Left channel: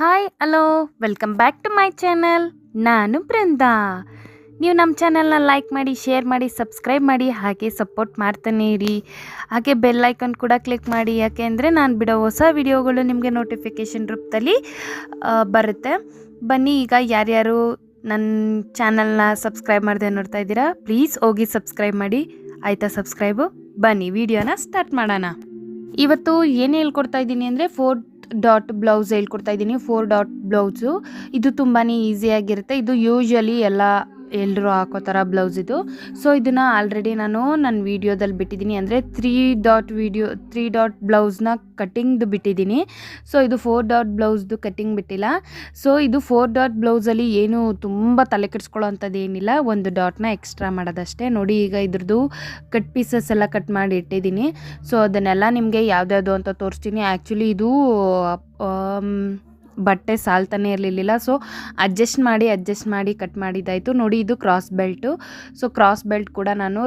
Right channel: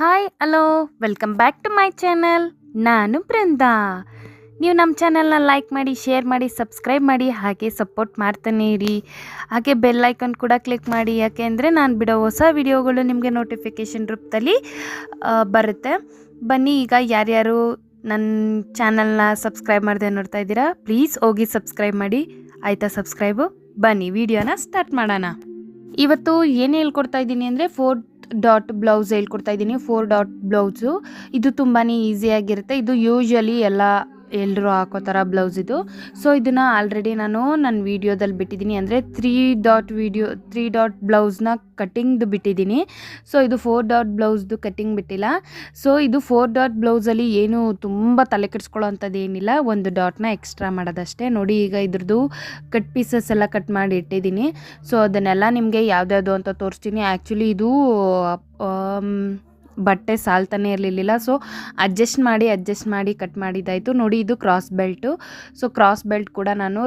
Hi hello welcome back to my channel. ನಾನು ಬೃಂದಾ. ನೀವು ನಮ್ಮ ಚಾನಲ್ನ ಲೈಕ್ ಮಾಡಿ, ಶೇರ್ ಮಾಡಿ, ಸಬ್ಸ್ಕ್ರೈಬ್ ಮಾಡಿ, ಹಾಗೆ ಸಪೋರ್ಟ್ ಮಾಡ್ತಾನೆ ಇರಿ. ಹಾಗೆ ಬೆಲ್ ಐಕಾನ್ ಕೂಡ ಕ್ಲಿಕ್ ಮಾಡಿ, ಯಾಕೆ ಅಂದರೆ ನಾನು ಬಿಡೋ ಹೊಸ ವಿಡಿಯೋಗಳು ನಿಮಗೆ ನೋಟಿಫಿಕೇಷನ್ ರೂಪದಲ್ಲಿ ಬರುತ್ತೆ. ಬನ್ನಿ, ಈಗ ಯಾರ್ಯಾರು ನನ್ನ ಚಾನಲ್ನ ಸಬ್ಸ್ಕ್ರೈಬ್ ಮಾಡದೆ ನೋಡ್ತಾ ಇದ್ದೀರಾ, ಪ್ಲೀಸ್ ಹೋಗಿ ಸಬ್ಸ್ಕ್ರೈಬ್ ಮಾಡಿ. ಆಯಿತಾ ಸಬ್ಸ್ಕ್ರೈಬು? ಬನ್ನಿ ವಿಡಿಯೋನ ಸ್ಟಾರ್ಟ್ ಮಾಡೋಣ. ಇವತ್ತು ಏನು ಹೇಳ್ಕೊಡ್ತಾ ಇದ್ದೀನಿ ಅಂದರೆ 4 ಡಾಟ್ ಬ್ಲೌಸ್ ಹೇಳ್ಕೊಡ್ತಾ ಇದ್ದೀನಿ. 4 ಡಾಟ್ ಬ್ಲೌಸು ಇದು ತುಂಬಾ ಈಸಿಯಾಗಿರುತ್ತೆ. ಇದು ಯೂಶ್ವಲಿ ಎಲ್ಲರೂ ಹಾಕೋ ಥರ ಬ್ಲೌಸ್ ಇದು. ಸೊ ಇದನ್ನು ಆಲ್ರೆಡಿ ನಾನು ನನ್ನ ವೀಡಿಯೋದಲ್ಲಿ ಬಿಟ್ಟಿದ್ದೀನಿ, ಅಂದರೆ 3 ಡಾಟ್ ಬ್ಲೌಸ್ನ ಕಟ್ಟಿಂಗ್ದು ಬಿಟ್ಟಿದ್ದೀನಿ. ಸೊ ಇದು 4 ಡಾಟ್ ಬ್ಲೌಸ್ದು ಕಟ್ಟಿಂಗ್ ಬಿಟ್ಟಿಲ್ಲ. ಸೊ ಇದು 4 ಡಾಟ್ ಬ್ಲೌಸಲ್ಲಿ ಏನು ತುಂಬ ತಲೆ ಕೆಡಿಸ್ಕೊಳ್ಳೋ ಅಂಥದ್ದು ಏನಿಲ್ಲ, ಒಂದು ಡಾಟ್ನ ಎಕ್ಸ್ಟ್ರಾ ಮಾಡೋದಷ್ಟೇ. ನೋಡಿ, ಈಗ ಇದ್ರದ್ದು ಕಟ್ ಪೀಸಸ್ ಎಲ್ಲ ಕಟ್ ಮಾಡಿ ಇಟ್ಟಿದ್ದೀನಿ. ಸೊ ಅದನ್ನೆಲ್ಲ ನಿಮಗೆ ಯಾವ್ದ್ಯಾವುದು ಅಂತ ತೋರಿಸ್ತೀನಿ. ಆ್ಯಕ್ಚುಲಿ ಇದು ಬಟ್ಟೆ ಸಾಲ್ತಾನೆ ಇರಲಿಲ್ಲ. ಸೊ ಅಡ್ಜಸ್ಟ್ ಮಾಡಿ ಕಟ್ ಮಾಡಿದ್ದಾಯಿತು. ನೋಡಿ, ಇದು cross belt. So cross belt ಕೂಡ ನಾನು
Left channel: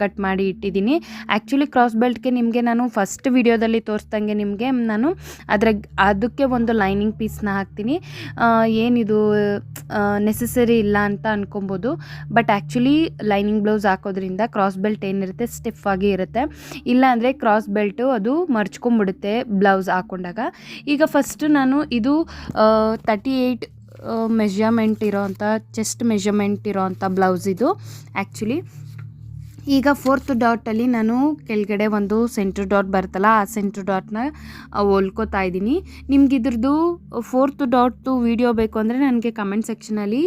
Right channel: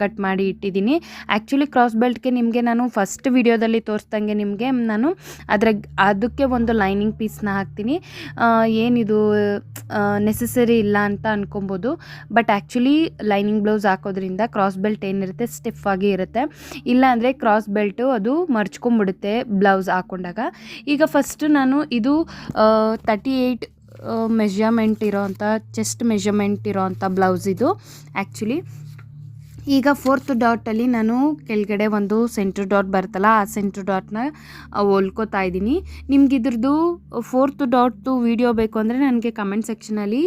ಕಟ್ ಮಾಡಿ ಇಟ್ಟಿದ್ದೀನಿ. ಆ್ಯಕ್ಚುಲಿ ಕ್ರಾಸ್ ಬೆಲ್ಟ್ಗೆ ನಿಮಗೆ ನಾನು ಫಸ್ಟ್ ವಿಡಿಯೋದಲ್ಲಿ ತೋರಿಸ್ದಂಗೆ ನಿಮಗೆ ನಾನು ಅದಕ್ಕೆ ಒಂದು ಲೈನಿಂಗ್ ಪೀಸ್ನ ಹಾಕ್ತೀನಿ. ಏನಿದು ನೆಸೆಸರಿ ಇಲ್ಲ ಅಂತ ಅನ್ಕೊಬೋದು, ಬಟ್ ಆ್ಯಕ್ಚುಲಿ ಲೈನಿಂಗ್ ಬ್ಲೌಸ್ ಹಾಕೋದ್ರಿಂದ ಕ್ರಾಸ್ ಬೆಲ್ಟ್ ಏನಿರುತ್ತೆ ಸ್ಟಿಫ್ ಆಗಿ ಇರುತ್ತೆ. ಇಲ್ಲಾಂದರೆ ಕ್ರಾಸ್ ಬೆಲ್ಟು ಅದು ಮರ್ಚ್ಕೊಂಡ್ಬಿಡುತ್ತೆ ಬ್ಲೌಸ್ ಹಾಕೊಂಡಾಗ. ಈಗ ಫಸ್ಟು ನಾನು ಇದು 38 ಮೆಜರ್ಮೆಂಟ್ ಇರೋವಂಥ, ಚೆಸ್ಟ್ ಮೆಜರ್ಮೆಂಟ್ ಇರೋವಂಥ ಬ್ಲೌಸ್ ಇದು ಆ್ಯಕ್ಚುಲಿ. ಈಗ 4th ಡಾಟಲ್ಲಿ ನಾನು ಕೆಳಗಡೆ ಒಂದು ಸೆಂಟ್ರ್ ಡಾಟ್ ಬರ್ತಲ್ಲ, ಆ ಸೆಂಟ್ರ್ ಡಾಟ್ನ ಹೊಲ್ಕೋತಾ ಇದ್ದೀನಿ. ನಿಮ್ಗೆ ಇದ್ರದ್ದು 4th ಡಾಟ್ದು ವೀಡಿಯೋ ಬೇಕು ಅಂದರೆ ನನಗೆ ಕಮೆಂಟ್ ಸೆಕ್ಷನಲ್ಲಿ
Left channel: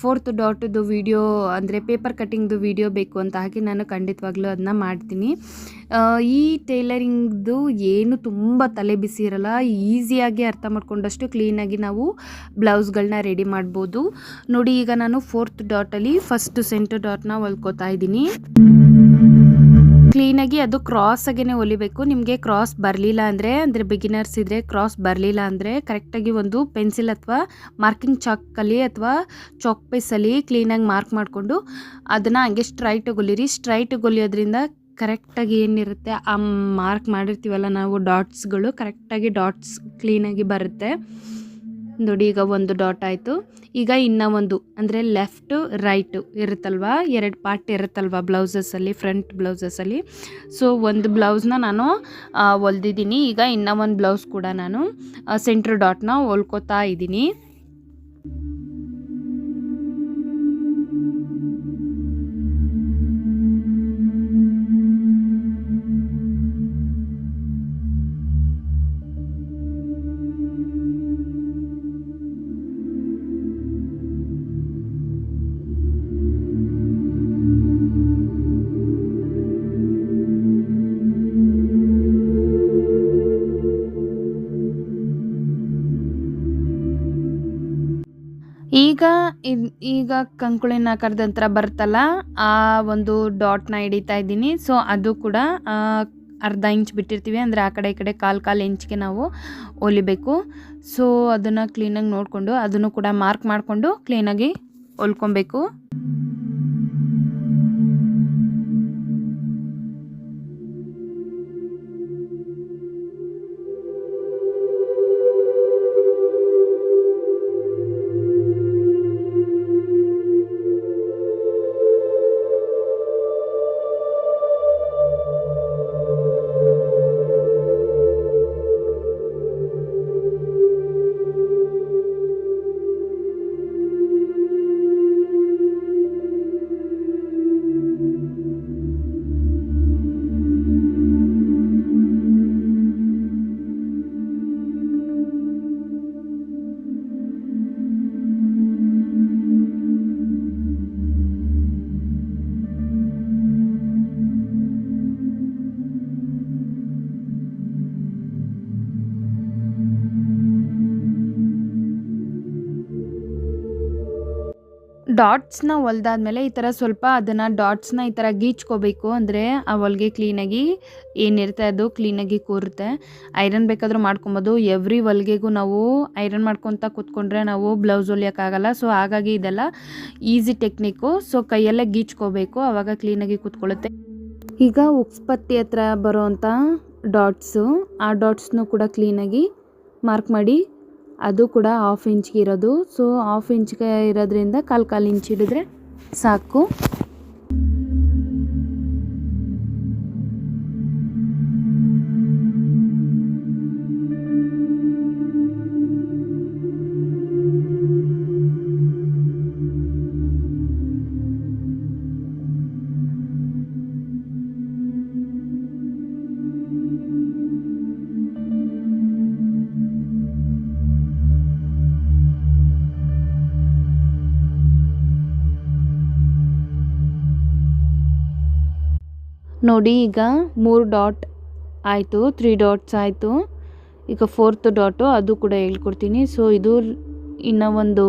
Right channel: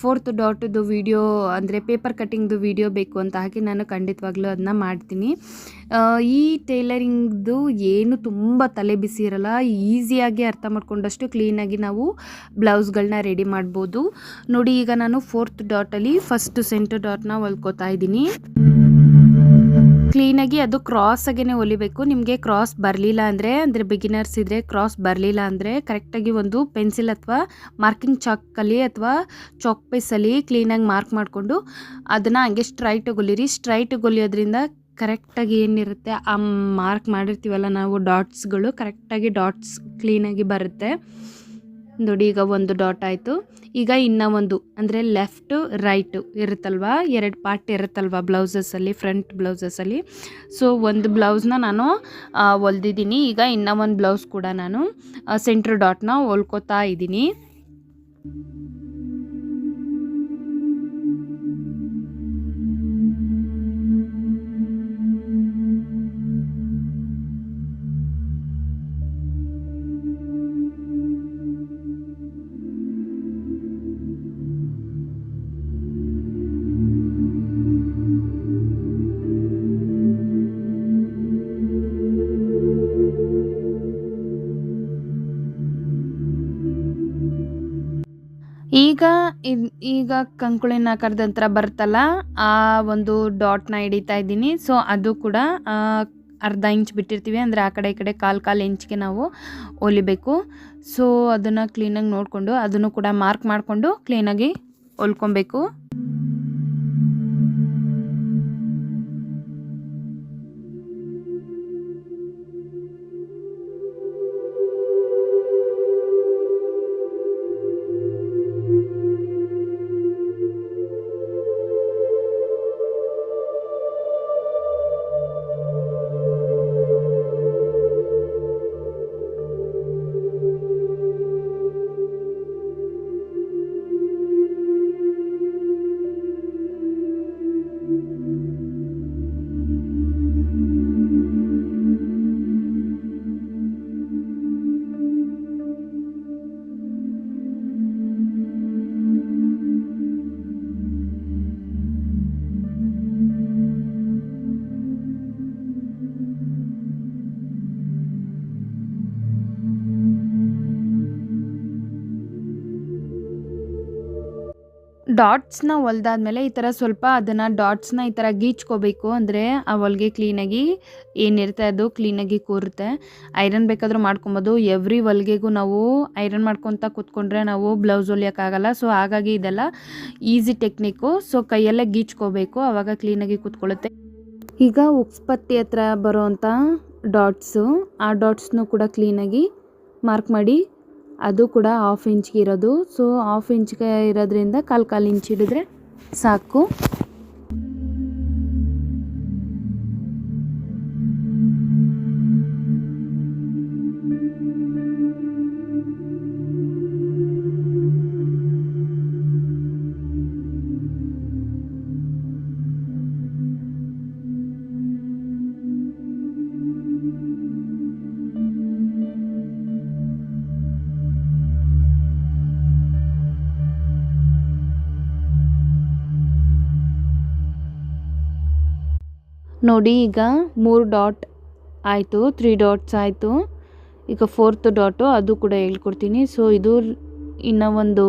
4th ಡಾಟ್ದು ವೀಡಿಯೋ, ಅಂದರೆ ಪೇಪರ್ ಕಟ್ಟಿಂಗ್ದು ವೀಡಿಯೋ ಬೇಕು ಅಂತ ಹಾಕಿ ನಾನು ಖಂಡಿತವಾಗ್ಲೂ ಅದನ್ನ ಮಾಡ್ತೀನಿ. ಈ ಟೈಲರಿಂಗ್ದು ಏನು ತುಂಬ ತಲೆ ಬಿಸಿ ಇರಲ್ಲ, ಈಸಿಯಾಗಿ ಅರ್ಥ ಮಾಡ್ಕೊಂಡಷ್ಟು ಕ್ಲೀನಾಗಿ ನಾವು ಬ್ಲೌಸ್ಗಳನ್ನ ರೆಡಿ ಮಾಡ್ಬೋದು. ನೋಡಿ, ಈಗ ನಾನು 4th ಡಾಟಲ್ಲಿ ಫಸ್ಟ್ ಸೆಂಟ್ರ್ ಡಾಟ್ನ ಹೊಲ್ಕೋತಾ ಇದ್ದೀನಿ. ಕ್ಲೀನಾಗಿ ಅದು ಕ್ರಾಸಾಗೇ ಹೊಲಿಬೇಕು. ನಿಮಗೆ ಕ್ರಾಸ್ ಬರಲಿಲ್ಲ ಅಂದರೆ ಬಿಗಿನರ್ಸ್ ಇದ್ದರೆ ಕ್ರಾಸ್ ಬರಲಿಲ್ಲ ಅಂದರೆ ಕರೆಕ್ಟಾಗಿ ಒಂದು ಪೆನ್ಸಿಲ್ ಅಥವಾ ಮಾರ್ಕಿಂಗ್ ಚಾಕಲ್ಲಿ ಅಥವಾ ಚಾಕ್ ಪೀಸಲ್ಲಿ ಕ್ಲೀನಾಗಿ ಮಾರ್ಕ್ ಮಾಡಿಕೊಂಡು ಅದನ್ನು ಹಂಗೆ ಸ್ಟ್ರೈಟಾಗಿ ಹೊಲಿರಿ. ಸ್ಟ್ರೈಟಾಗಿ ಹೊಲಿಯೋದ್ರಿಂದ ಕರೆಕ್ಟಾಗಿ ಏನಿರುತ್ತೆ ಆ ಮಾರ್ಕ್ ಮಾಡಿರ್ತೀವಲ್ಲ ನಾವು ಡಾಟ್ಸ್ಗಳು, ಕರೆಕ್ಟಾಗಿ ಡಾಟ್ಸ್ ಕ್ಲೀನಾಗಿ ಬರುತ್ತೆ. ನೋಡಿ, ಈಗ ಒಂದು ಡಾಟ್ ಆಯಿತು. ಈಗ ಇನ್ನೂ ಒಂದು, ಅಂದರೆ ಲೆಫ್ಟು ರೈಟು ಇರುತ್ತಲ್ವ, 2 ಪಾರ್ಟ್ ಇರುತ್ತಲ್ವ ಬ್ಲೌಸಸಲ್ಲಿ, ಫ್ರಂಟ್ ಬ್ಲೌಸಸಲ್ಲಿ. ಸೊ ಒಂದು ಬ್ಲೌಸ್ನ ನಾನು ಹೊಲ್ದಿದ್ದೀನಿ. ಈಗ ಇನ್ನೂ ಒಂದು ಬ್ಲೌಸ್ ಕೂಡ ನಾನು ಸೆಂಟ್ರ್ ಡಾಟ್ನ ಹೊಲ್ಕೋತಾ ಇದ್ದೀನಿ. ಈಗ ಕಂಕುಳಿನ ಆಕಾರದ ನಂತರ ಬರುತ್ತಲ್ಲ, ಆ ಒಂದು ಡಾಟ್ನ ಹಿಡಿತಾ ಇದ್ದೀನಿ. ಸೊ ಅದು ಕೂಡ ಅರ್ಧ ಇಂಚ್ ಬಿಟ್ಟಿರ್ತೀವಿ, ಅಂದರೆ ಆ ಕಡೆ ಈ ಕಡೆ ಕಾಲು ಇಂಚ್ಗೆ ನಾವು ಹೊಲಿಬೇಕು. ಸೊ ಅದನ್ನು ಕ್ಲೀನಾಗಿ ನೋಡಿಕೊಂಡು ಅದನ್ನು ಕೂಡ ಮಾರ್ಕ್ ಮಾಡಿಕೊಂಡು ಕ್ಲೀನಾಗಿ ಹೊಲ್ಕೊಬೇಕು. ಡಾಟ್ಸ್ನ ಹೊಲ್ದಾದ್ಮೇಲೆ ಈ ಥರ ಸ್ವಲ್ಪ ಅದನ್ನು ಡಾಟ್ಸ್ನ ಈ ಥರ ಗೀಚ್ಕೋಬೇಕು, ಅಂದರೆ ಆ ಹೊಲಿಗೆ ಕ್ಲೀನಾಗಿ ಏನಿರುತ್ತೆ ಅದು ಕ್ಲೀನಾಗಿ ಕೂರುತ್ತೆ. ಐರನ್ ಬೇಕಾದರೂ ಮಾಡ್ಕೊಬೋದು. ಎವ್ರಿ ಹೊಲಿಗೆಗೂ ನಾವು ಐರನ್ ಮಾಡ್ಕೊತ ಕೂತ್ಕೊಂಡ್ರೆ ನಾವು ಬ್ಲೌಸ್ ಹೊಲಿಯೋಕ್ಕಾಗಲ್ಲ. ಸೊ ಹಾಗಾಗಿ ಇದೆಲ್ಲ ಈಸಿ ಟೆಕ್ನಿಕ್ಕು. ಸೊ ಕೈಯಲ್ಲೇ ಗೀಚ್ಕೋಬೇಕು, ಆವಾಗ ಕ್ಲೀನಾಗಿ ಕೂತ್ಕೊಳ್ಳುತ್ತೆ. ಈಗ ಉಕ್ಸ್ಪತ್ತಿ ಹತ್ರ ಬರೋವಂಥ ಡಾಟ್ಸು, ಆ ಡಾಟ್ಸ್ನು ಕೂಡ ಕ್ಲೀನಾಗಿ ಮಾರ್ಕ್ ಮಾಡಿ ಅದು ಕೂಡ 1/2 ಇಂಚ್ಗೆ ಇರೋದು. ಸೊ 1/2 ಇಂಚ್ಗೆ ಇರೋದ್ರಿಂದ ಕಾಲು ಇಂಚ್ ಹಿಡಿದ್ರೆ ಸಾಕು. ನೋಡಿ ಈಗ 3 ಡಾಟ್ ಆಯಿತು, 3 ಡಾಟ್ಸ್ ಆಯಿತು. ಈಗ 4th ಡಾಟು ಅದು ಕೂಡ ಹೇಳ್ಕೊಡ್ತೀನಿ. ಸೊ ಇದು ಇನ್ನೂ ಒಂದು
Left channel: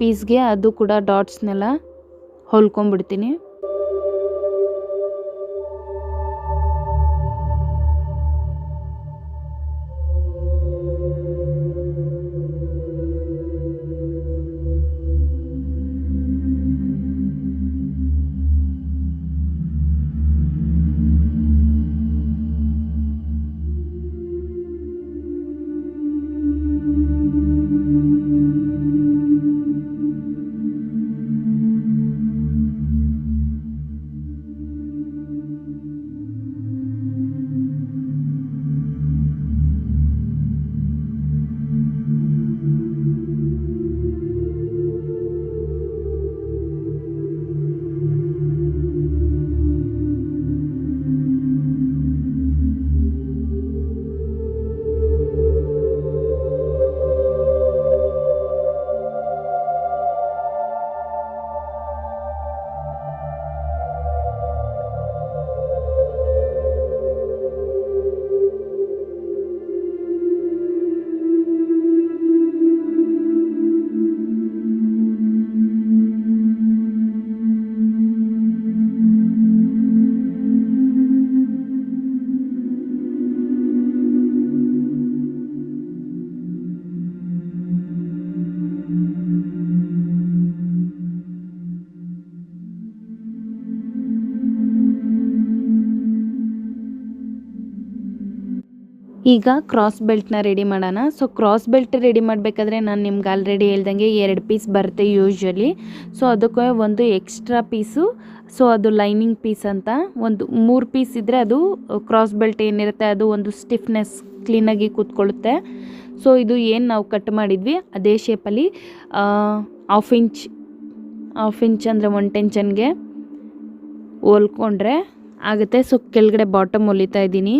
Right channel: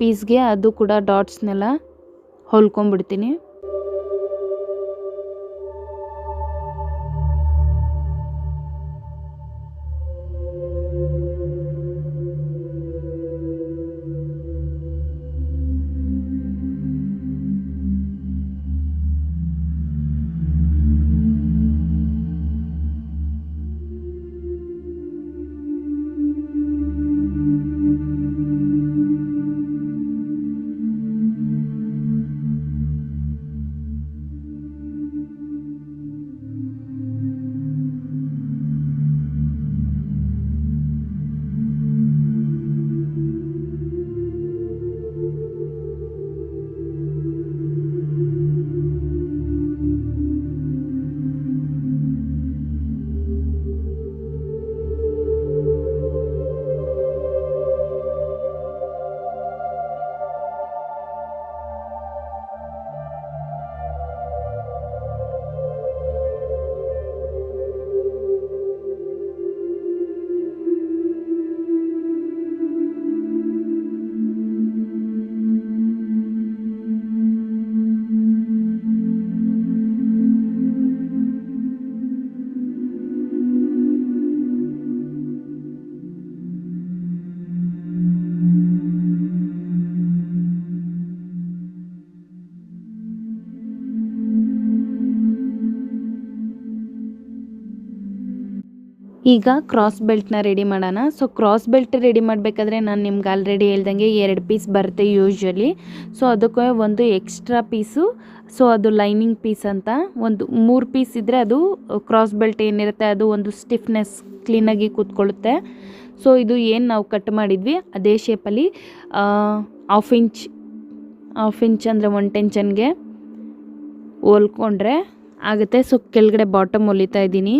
ಪೀಸ್ಗೆ ಅದು ಕೂಡ ಡಾಟ್ಸ್ನೆಲ್ಲ ಹೊಲ್ಕೊಂಡ್ಬಿಡ್ತೀನಿ. ಈಗ ಕ್ರಾಸ್ ಬೆಲ್ಟ್ನ ರೆಡಿ ಮಾಡೋಣ. ಸೊ ಕ್ರಾಸ್ ಬೆಲ್ಟ್ ರೆಡಿ ಮಾಡಬೇಕಾದ್ರೆ ನಾನು ನಿಮ್ಗೆ ಆಲ್ರೆಡಿ ಹೇಳ್ದಂಗೆ 2 ಪೀಸ್ ಬರುತ್ತೆ ಯೂಶ್ವಲಿ. ಸೊ ಅದಕ್ಕೆ ಒಂದು ಎಕ್ಸ್ಟ್ರಾ ಪೀಸು, ಸೊ ಅದು ಲೈನಿಂಗ್ ಪೀಸ್ ಅಂತ. ಒಂದು 3 ಪೀಸ್ ಇದ್ದರೆ ಅದು ಕ್ರಾಸ್ ಬೆಲ್ಟ್ ಏನಿರುತ್ತೆ ಅದು ಒಂದು ಸ್ಟಿಫ್ನೆಸ್ ಕ್ಲೀನಾಗಿ ಕೂತ್ಕೊಳ್ಳುತ್ತೆ. ಸೊ ಇದು ಏನು ನಾವು ಕಟ್ ಮಾಡಿದ್ವಿ ಅದೇ ಶೇಪಲ್ಲಿ 1/2 ಇಂಚ್ ಅಂದರೆ 1 ಟೆನ್ಷನ್ಗೆ ಹೊಲ್ಕೊಂಡ್ರೆ ಆಗುತ್ತೆ. ಸೊ ಕೆಳಗಡೆ ಬಾಟಮ್ ಹೊಲಿತಾ ಇದ್ದೀನಿ.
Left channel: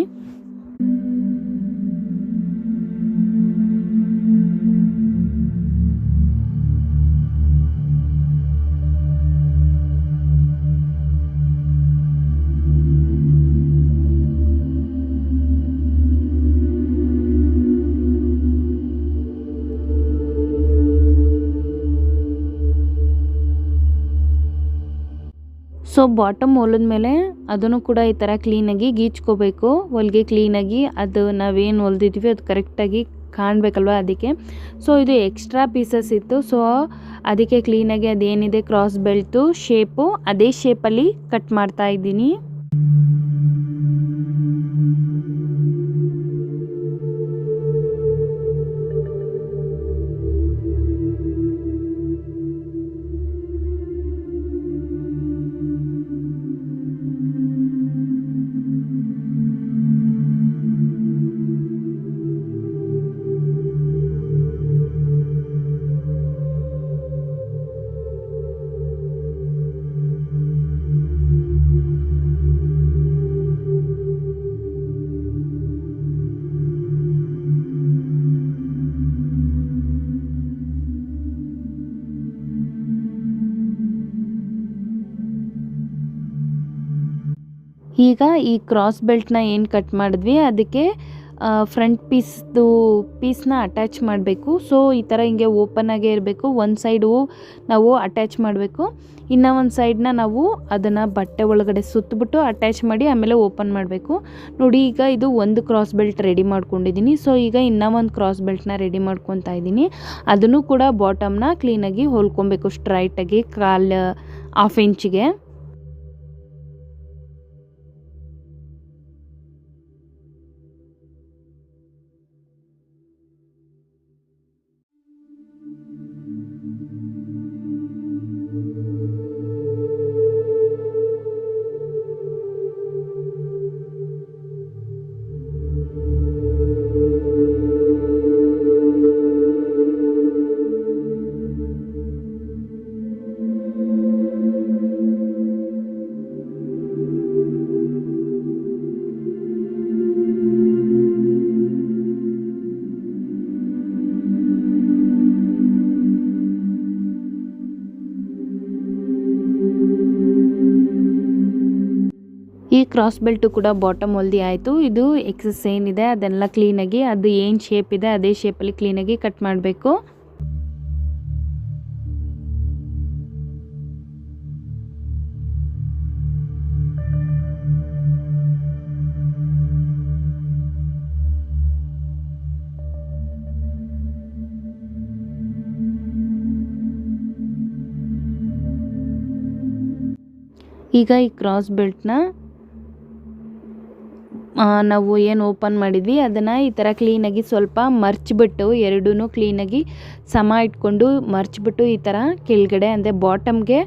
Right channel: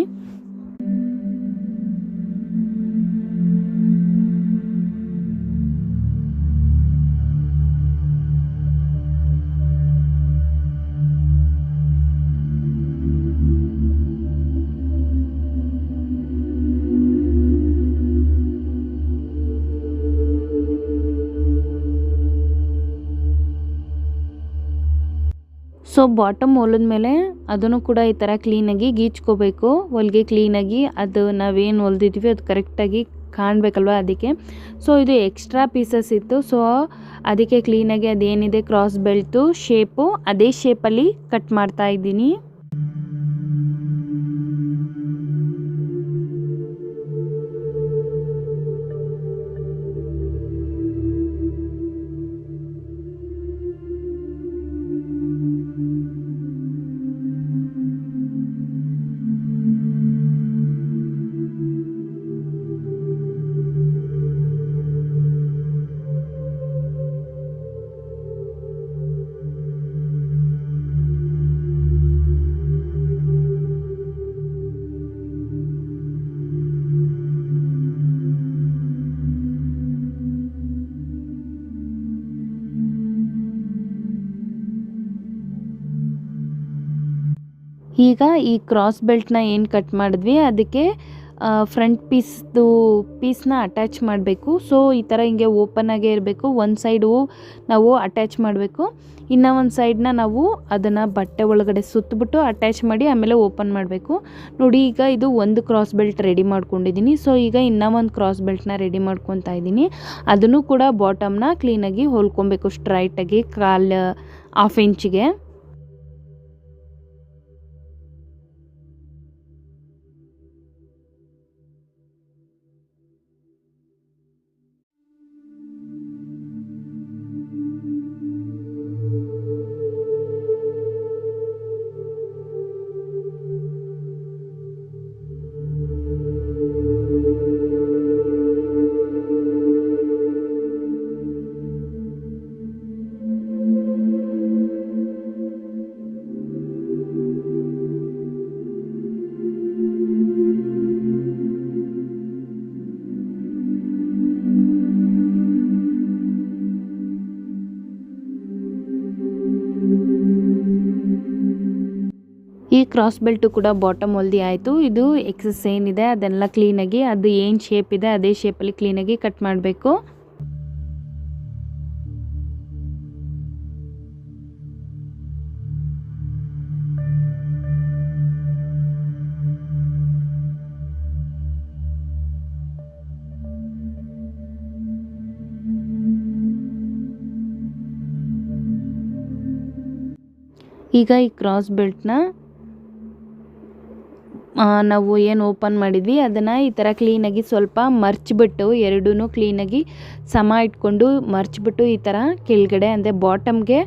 ಸೊ ಬಾಟಮ್ ಹೊಲಿದ್ಮೇಲೆ ಅದನ್ನು ಕೂಡ ಈ ಥರ ಕ್ಲೀನಾಗಿ ಗೀಚ್ಕೋಬೇಕು. ಹೊಲಿಗೆ ಕ್ಲೀನಾಗಿ ಅದು ನಾವೇನು ಹೊಲ್ದಿದ್ವಿ ಅದು ಕರೆಕ್ಟಾಗಿ ಕಾಣಬೇಕಲ್ವ, ಅದಕ್ಕೆ. ಸೊ ಇದು ಎಕ್ಸ್ಟ್ರಾ ಪೀಸಸ್ ಇತ್ತು. ಸೊ ಅದಕ್ಕೆ ಕ್ಲೀನಾಗಿ ಅದೇನಿದೆ ಕ್ರಾಸ್ ಬೆಲ್ಟು ಶೇಪು ಅದೇ ಶೇಪಲ್ಲಿ ಕಟ್ ಮಾಡ್ತಾ ಇದ್ದೀನಿ. ಈಗ ಈ ಕ್ರಾಸ್ ಬೆಲ್ಟ್ನ ಏನು ಕಟ್ ಮಾಡಿದ್ವಿ ಅದಕ್ಕೆ ಫ್ರಂಟ್ ಪೀಸ್ನ ಅಟ್ಯಾಚ್ ಮಾಡಬೇಕು. ಸೊ ಈ ಥರ ಹಿಂಗೆ ಓಪನ್ ಆಗೇ ಇರಬೇಕು. ಒಂದು ಸೈಡು ನಾವು ಅಟ್ಯಾಚ್ ಮಾಡಬೇಕು, ಇನ್ನು ಒಂದು ಸೈಡನ್ನ ನಾವು ಅದನ್ನು ಬಟ್ಟೆ ಒಳಗಡೆ ಸುತ್ತಬಿಟ್ಟು ಅಟ್ಯಾಚ್ ಮಾಡಿ ಆಮೇಲೆ ಓಪನ್ ಮಾಡಬೇಕು. ನೋಡಿ ಈಗ ಇದು ಒಂದು ಕ್ರಾಸ್ ಬೆಲ್ಟ್ ರೆಡಿ ಮಾಡ್ಕೊಂಡಿದ್ದೀನಿ. ಸೊ ಈಗ ಇನ್ನೂ ಒಂದು ಕ್ರಾಸ್ ಬೆಲ್ಟ್ನ ರೆಡಿ ಮಾಡ್ಕೊತಾ ಇದ್ದೀನಿ. ಅದನ್ನು ಕೂಡ ಬಾಟಮ್ನ ಕ್ಲೀನಾಗಿ ಹೊಲ್ಕೊಬೇಕು ಸ್ಟ್ರೈಟಾಗಿ 1/2 ಇಂಚಿಗೆ. ಈ ಕ್ರಾಸ್ ಬೆಲ್ಟು ಕೂಡ ಬಾಟಮ್ ಹೊಲ್ದಿ ಆಯಿತು. ಇದು ಎಕ್ಸಸ್ ಏನಿದೆ ಅದೆಲ್ಲ ಕ್ಲೀನಾಗಿ ಅದು ಏನು ಶೇಪ್ ಇದೆ ಅದೇ ಶೇಪಲ್ಲಿ ಕ್ಲೀನಾಗಿ ಕಟ್ ಮಾಡಬೇಕು. ಈಗ ಈ ಕ್ರಾಸ್ ಬೆಲ್ಟ್ನ ನಾವು ಏನು ಓಪನ್ ಮಾಡಿದ್ವಿ ಅದನ್ನು ಈ ಥರ ಕ್ಲೀನಾಗಿ ಸ್ವಲ್ಪ ಮರ್ಚಿಬಿಟ್ಟು ಎರಡೂ ಕ್ಲೀನಾಗಿ ಸಮ ಇಟ್ಕೊಂಡು ಮರ್ಚಿಬಿಟ್ಟು ಈ ಥರ ಕೆಳಗಡೆ ಅಂದರೆ ಬಾಟಮ್ಗೆ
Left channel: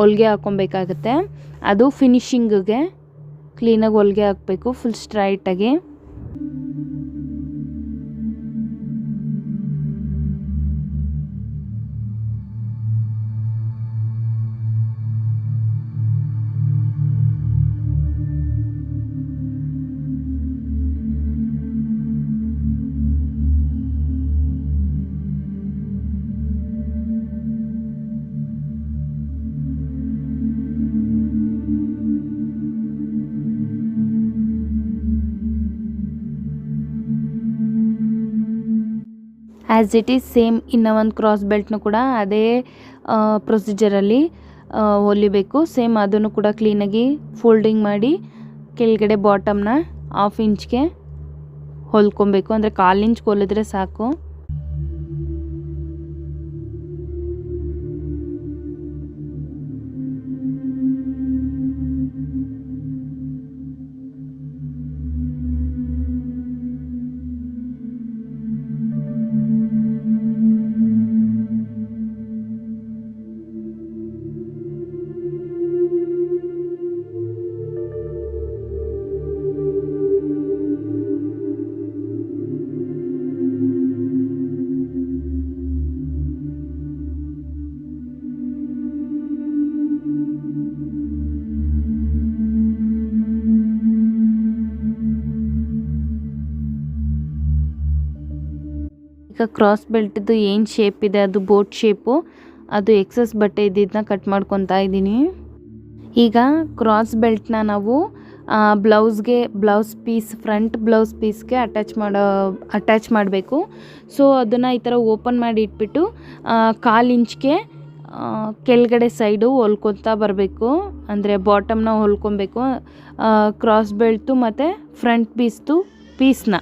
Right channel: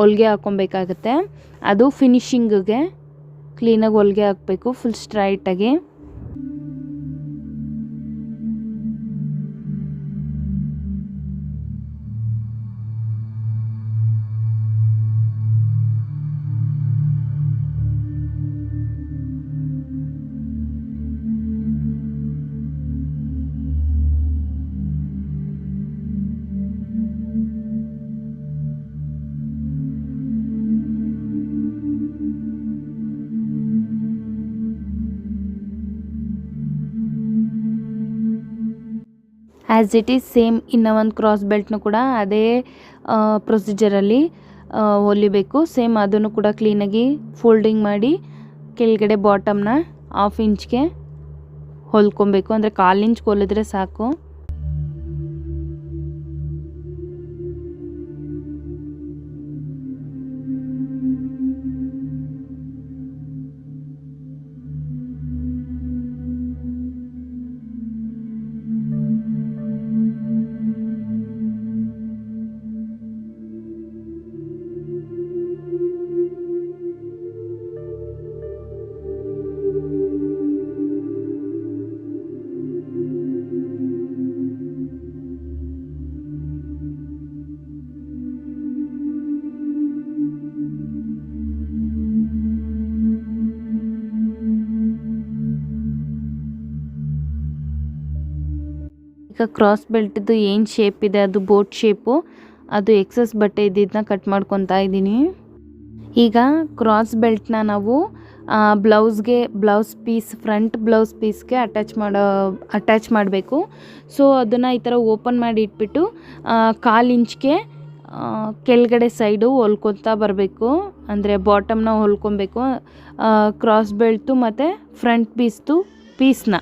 ಹೊಲಿಗೆ ಹಾಕ್ಕೊಬೇಕಾಗತ್ತೆ. ಅದು ಫಿನಿಶಿಂಗಿಗೆ ಕ್ಲೀನಾಗಿ ಹೊಲಿಗೆ ಹಾಕಬೇಕು ಫುಲ್ ಸ್ಟ್ರೈಟಾಗಿ. ಆ್ಯಸ್ ಇಟ್ ಈಸ್ ಸೇಮ್ ಇನ್ನು ಒಂದು ಕ್ರಾಸ್ ಬೆಲ್ಟ್ನು ಕೂಡ ಅದೇ ಪ್ರೊಸೀಜರಲ್ಲಿ ಹೊಲಿಬೇಕು. ಸೇಮ್ ಅದನ್ನು ಕೂಡ ಕ್ಲೀನಾಗಿ ಫೋಲ್ಡಿಂಗ್ ಮಾಡಿ ಕೆಳಗಡೆ ಬಾಟಮ್ನ 1/2 ಇಂಚ್ಗೆ ಹೊಲ್ಕೊಬೇಕು, ಅಂದರೆ 1/4 ಇಂಚ್ಗೆ ಹೊಲಿದ್ರೆ ಸಾಕು. ಈಗ ಕ್ರಾಸ್ ಬೆಲ್ಟ್ದು ಏನು ಶೇಪ್ ಇದೆ ಅದು ಬೋಟ್ ಶೇಪು, ಅದು ಎಕ್ಸಸ್ ಬಟ್ಟೆ ಇದ್ದಿದ್ದನ್ನ ಕಟ್ ಮಾಡ್ಕೊತಾ ಇದ್ದೀನಿ. ಈಗ ಕ್ರಾಸ್ ಬೆಲ್ಟ್ನ ನಾವು ಬ್ಲೌಸ್ ಪೀಸ್ ಫ್ರಂಟ್ ಬ್ಲೌಸ್ ಪೀಸ್ಗೆ ಅಟ್ಯಾಚ್ ಮಾಡಬೇಕು. ಸೊ ಅದನ್ನು ಈ ಥರ ಓಪನ್ ಮಾಡಿ ಇಟ್ಬಿಟ್ಟು 1/4 ಇಂಚ್ಗೆ ಕೆಳಗಡೆ ಸೈಡು ಹೊಲ್ಕೊತಾ ಬರಬೇಕು, ಅಂದರೆ ಬಾಟಮ್ನ ಹೊಲ್ಕೊಬೇಕು ಕ್ರಾಸ್ ಬೆಲ್ಟು ಮತ್ತು ಫ್ರಂಟ್ ಪೀಸ್ನ.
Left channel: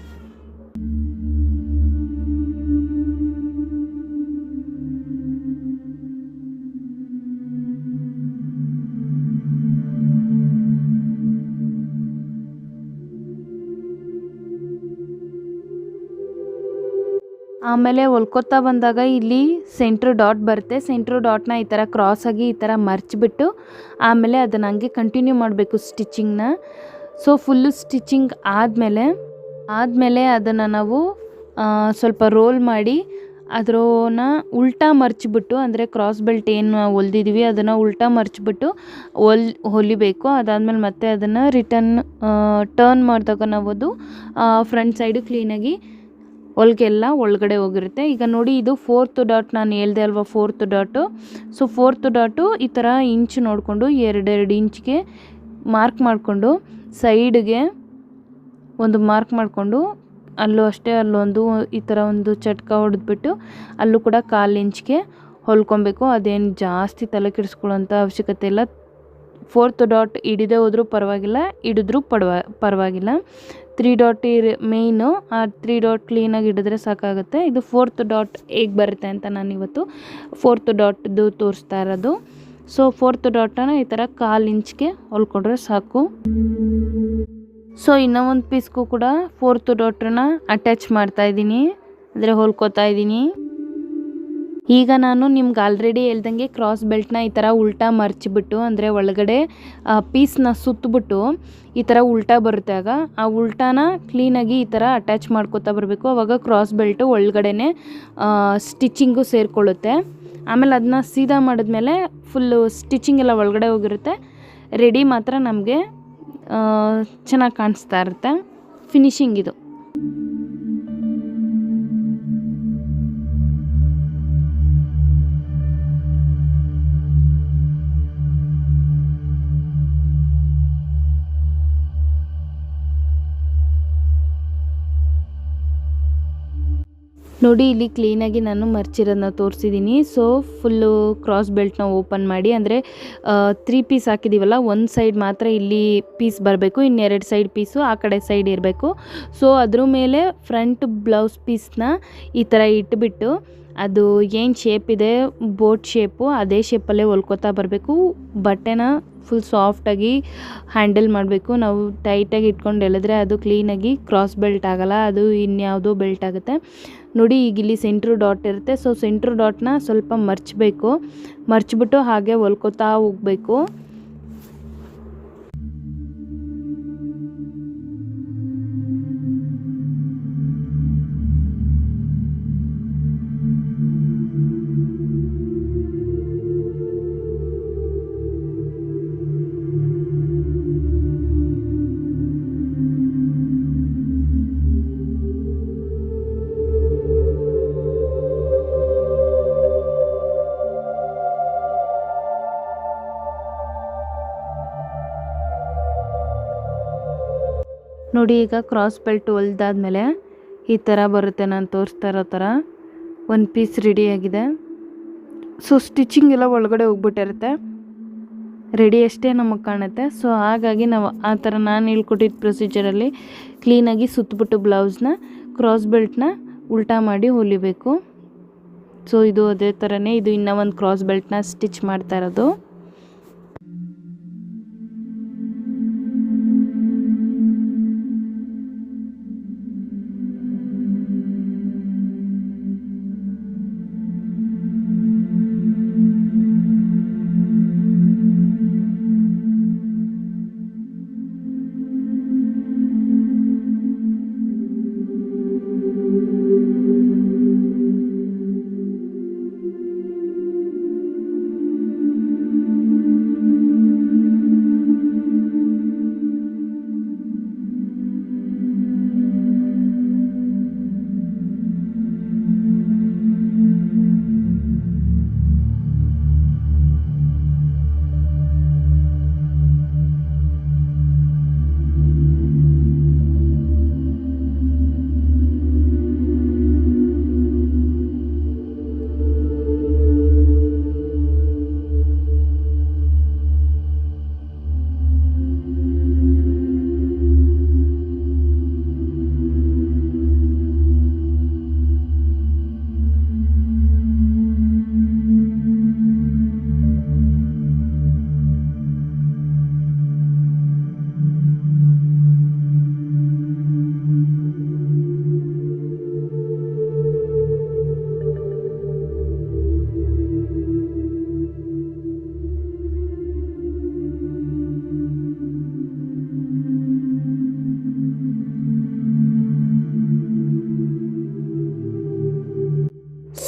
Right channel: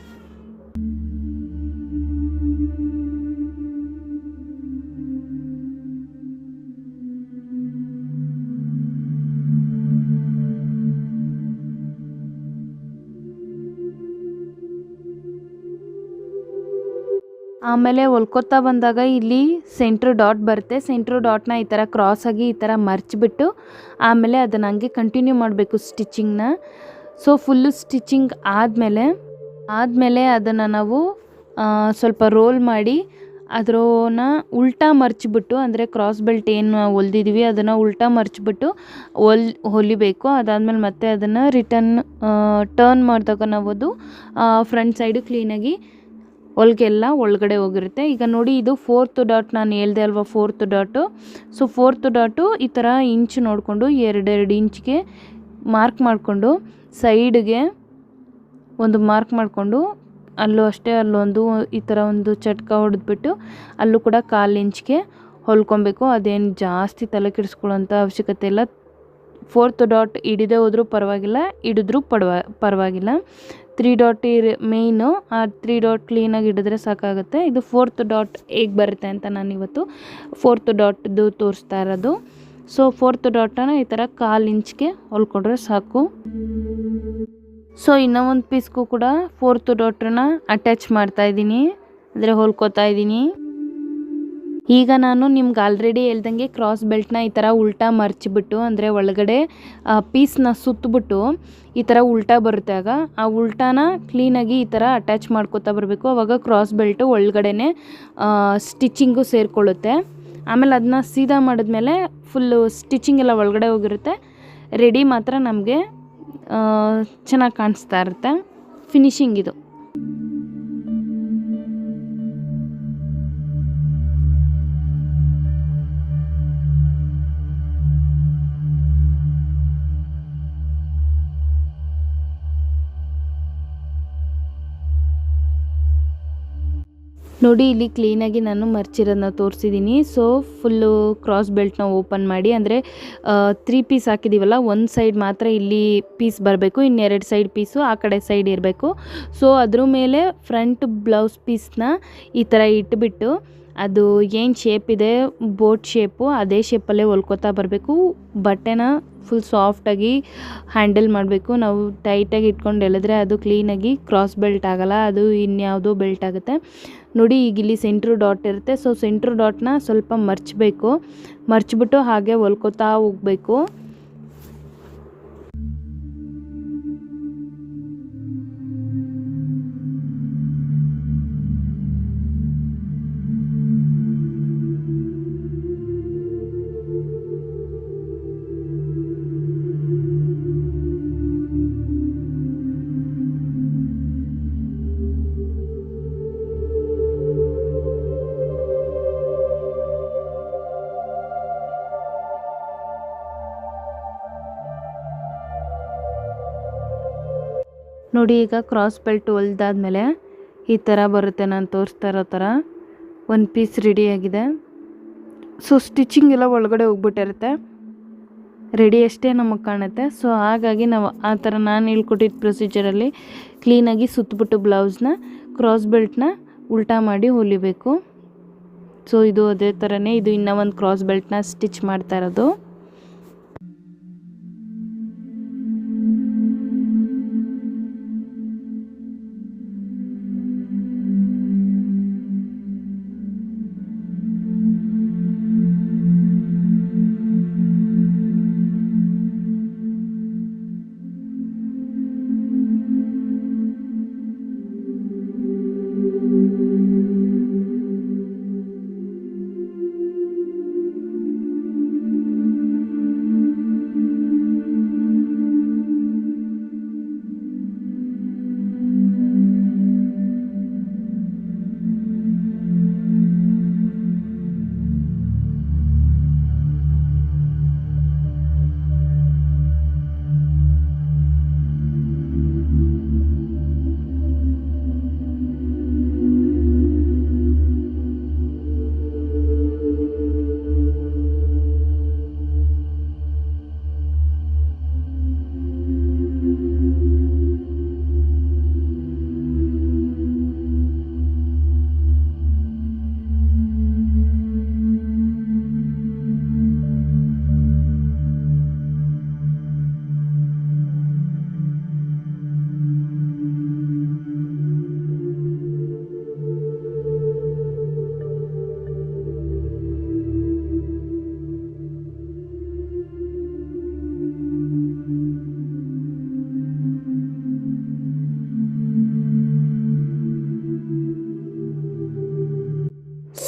ಆಮೇಲೆ ಹೊಲ್ಕೊತಾ ಬಂದಾಗ ಇಲ್ಲಿ ಸೆಂಟ್ರ್ ಡಾಟ್ ಬರುತ್ತೆ. ಸೆಂಟ್ರ್ ಡಾಟ್ನ ಈ ಥರ ಕ್ರಾಸಾಗಿ ಈ ಥರ ಮರ್ಚಿಬಿಟ್ಟು ಆಮೇಲೆ ಅದನ್ನು ಹಂಗೆ ಕಂಟಿನ್ಯೂ ಮಾಡಬೇಕು ಸ್ಟಿಚಿಂಗ್ನ. ಸೊ ಫುಲ್ಲು ಸ್ಟಿಚಿಂಗ್ ಆದಮೇಲೆ ಅದನ್ನು ನಾವು ಸ್ವಲ್ಪ ರೋಲ್ ಮಾಡಿ ಅದನ್ನ ಉಲ್ಟಾ ಮರ್ಚಿಬಿಟ್ಟು, ಅಂದರೆ ಕ್ರಾಸ್ ಬೆಲ್ಟ್ ಏನು ಹೊಲ್ದಿದ್ದೀವಿ ಅದನ್ನು ಉಲ್ಟಾ ಮರ್ಚಿಬಿಟ್ಟು ಹೊಲಿಬೇಕು. ಅದಾದಮೇಲೆ ಮತ್ತೆ ಅದನ್ನು ಟರ್ನ್ ಮಾಡಿದಾಗ ನಾವು ಅದು ಫ್ರಂಟ್ ಸೈಡು ಕ್ಲೀನಾಗಿ ಹೊಲಿಗೆ ಎಲ್ಲ ಒಳಗಡೆ ಹೋಗಿರುತ್ತೆ. ಈಗ ನೋಡಿ ಇದು 4th ಡಾಟ್, ನಾನು ಹೇಳ್ದೆ ಅಲ್ವಾ 4th dot. So 4th dot ಈ ಥರ ಇಂಚ್ ನೋಡಿಕೊಂಡು 2 ಇಂಚ್ಗೆ ಮಾರ್ಕ್ ಮಾಡಿಕೊಂಡು ಸೈಡ್ಗೆ ಒಂದು ಮಾರ್ಕ್ ಮಾಡಿಕೊಂಡು ಅಲ್ಲೂ ಅಷ್ಟೇ ಅಲ್ಲೊಂದು ಈ ಥರ ಒಂದು ಚಟ್ಕ ಹೊಡೆದ್ಬಿಟ್ಟು ಅಲ್ಲೂ ಕೂಡ 1/4 ಇಂಚ್ಗೆ ಹೊಲ್ಕೊಬೇಕು. ಅದೇನು ಜಾಸ್ತಿ ತಲೆ ಕೆಡಿಸ್ಕೊಳ್ಳೋಂಥ ಅವಶ್ಯಕತೆ ಇಲ್ಲ. 4th ಡಾಟ್ ಹಿಡಿದೇ ಹೋದರೂ ಪರವಾಗಿಲ್ಲ, ಹಿಡಿದ್ರೂ ಪರವಾಗಿಲ್ಲ. 3 ಡಾಟ್ ಮೇಯ್ನು, ಆ 3 ಡಾಟ್ ಕ್ಲೀನಾಗಿ ಹಿಡಿದ್ರೆ ಸಾಕಾಗುತ್ತೆ. ಇದು 4th ಡಾಟ್ ಹೇಗೆ ಬರುತ್ತೆ ಅಂತ ನಾನು ಇವತ್ತು 4th ಡಾಟ್ದು ತೋರಿಸ್ತಾ ಇರೋದು. ಸೊ 4th ಡಾಟನ್ನು ಈ ಥರ 1/4 ಇಂಚ್ಗೆ ಹೊಲ್ಕೊಂಡ್ರೆ ಸಾಕು. ಸೊ ಇನ್ನೂ ಒಂದು ಪೀಸ್ಗೂ ಕೂಡ 4th ಡಾಟನ್ನ ಅಟ್ಯಾಚ್ ಮಾಡ್ತಾಯಿದ್ದೀನಿ, ಅಂದರೆ ಹೊಲ್ಕೋತಾ ಇದ್ದೀನಿ. ಈಗ ನಾನು ನಿಮ್ಗೆ ಆಲ್ರೆಡಿ ಹೇಳ್ದಂಗೆ ಕ್ರಾಸ್ ಬೆಲ್ಟ್ನ ಈ ಥರ ಉಲ್ಟಾ ಮರ್ಚಿಬಿಟ್ಟು, ಅಂದರೆ ಒಳಗಡೆ ಪೀಸ್ನ ಸುತ್ತಬಿಟ್ಟು ಈ ಥರ ಉಲ್ಟಾ ಬರುತ್ತೆ. ಆಗ ಆ ಉಲ್ಟಾನ ಕ್ಲೀನಾಗಿ ಈ ಥರ ಅಟ್ಯಾಚ್ ಮಾಡ್ಕೋತಾ ಬರಬೇಕು. ಆವಾಗ ಕ್ರಾಸ್ ಬೆಲ್ಟು ಒಳಗಡೆ ಸ್ಟಿಚಿಂಗು ಸೇರಿಕೊಳ್ಳುತ್ತೆ. ಆಮೇಲೆ ಅದನ್ನ ಸೀದಾ ಮಾಡಿದ್ಮೇಲೆ ಫುಲ್ಲು ಸ್ಟಿಚಿಂಗ್ ಎಲ್ಲ ಒಳಗಡೆ ಹೋಗಿರುತ್ತೆ. ರೆಡಿ ಮಾತ್ರ ನಮಗೆ ಚೆನ್ನಾಗಿ ಕಾಣಿಸ್ತಾ ಇರುತ್ತೆ. ಫಿನಿಶಿಂಗ್ ಇದು. ನೋಡಿ ಇಲ್ಲಿ ಕ್ಲೀನಾಗಿ ನಾನು ಮರ್ಚಿರೋದನ್ನ ತೋರಿಸಿದ್ದೀನಿ. ಸೊ ಫುಲ್ಲು ಕ್ರಾಸ್ ಬೆಲ್ಟ್ನ ಓಪನ್ ಮಾಡಿ, ಅಂದರೆ 3 ಪೀಸ್ ಹಾಕಿದ್ದೀವಲ್ಲ, ಒಂದು ಸೈಡ್ ಮಾತ್ರ ಇಲ್ಲಿ ಪೀಸ್ ಬರಬೇಕು, ಇನ್ನೆರಡು ಸೈಡ್ ಪೀಸು ಆ ಕಡೆ ಸೈಡ್ ಇರಬೇಕು. ಸೊ ಅದ್ರ ಮೇಲೆ ಫ್ರಂಟ್ ಬ್ಲೌಸ್ ಪೀಸ್ನ ಈ ಥರ ಇಟ್ಬಿಟ್ಟು ಅದು ಏನು ಶೇಪ್ ಇದೆ ಬೋಟ್ ಶೇಪು ಅದೇ ಶೇಪಲ್ಲೇ ಹೊಲ್ಕೋತಾ ಬರಬೇಕು. ಬಟ್ಟೆನ ಫುಲ್ ಸಾಫ್ಟಾಗಿ ಹ್ಯಾಂಡಲ್ ಮಾಡಬೇಕು. ನಾವು ಟೈಟಾಗಿ ಇಟ್ಕೊಂಡು ಎಳೆದ್ರೆ ಅದು ಕ್ಲೀನಾಗಿ ಕ್ರಾಸ್ ಬೆಲ್ಟ್ ಆಗೋಲ್ಲ, ಅದು ಇನ್ಯಾವುದೋ ಬೆಲ್ಟ್ ಆಗುತ್ತೆ. ನೋಡಿ ಈಗ ಇಲ್ಲಿ ಸೆಂಟ್ರ್ ಡಾಟ್ ಇರುತ್ತೆ. ಸೊ ಸೆಂಟ್ರ್ ಡಾಟ್ನ ಸ್ವಲ್ಪ ಮರ್ಚ್ಬಿಟ್ಟು ಹಾಗೆ ಹೊಲ್ಕೋತಾ ಹೋಗಬೇಕು. ನೋಡಿ ಈಗ ಕ್ರಾಸ್ ಬೆಲ್ಟ್ ಹೊಲ್ದಾದ್ಮೇಲೆ ಈ ಥರ ಬರುತ್ತೆ. ನಾನು ತೋರಿಸ್ತಾ ಇರೋ ಥರ ಒಂದು ಪೀಸ್ ರೆಡಿಯಾಗಿದೆ. ಸೊ ಸ್ಟಿಚಿಂಗ್ ಎಲ್ಲ ಒಳಗಡೆ ಹೋಗ್ಬಿಟ್ಟಿರುತ್ತೆ, ರೆಡಿ ಅಷ್ಟೇ ನಮಗೆ ಕಾಣುತ್ತೆ. ಸೊ ಹಾಗಾಗಿ ನಾವು ಆ ಥರ ನಾನು ಹೇಳ್ಕೊಟ್ಟಿದ್ದ ಪ್ರೊಸೀಜರಲ್ಲಿ ಕ್ಲೀನಾಗಿ ಸುತ್ತಬಿಟ್ಟು ಬ್ಲೌಸ್ನ ಕ್ರಾಸ್ ಬೆಲ್ಟ್ನ ಉಲ್ಟಾ ಮಾಡಿ ಹೊಲಿಬೇಕು. ಸೊ ಇದು ಅದೇ ಥರನೇ, ಇದು ಇನ್ನೂ ಒಂದು ಕ್ರಾಸ್ ಬೆಲ್ಟ್ನ ಸ್ಟಿಚ್ ಮಾಡ್ತಾ ಇರೋದು.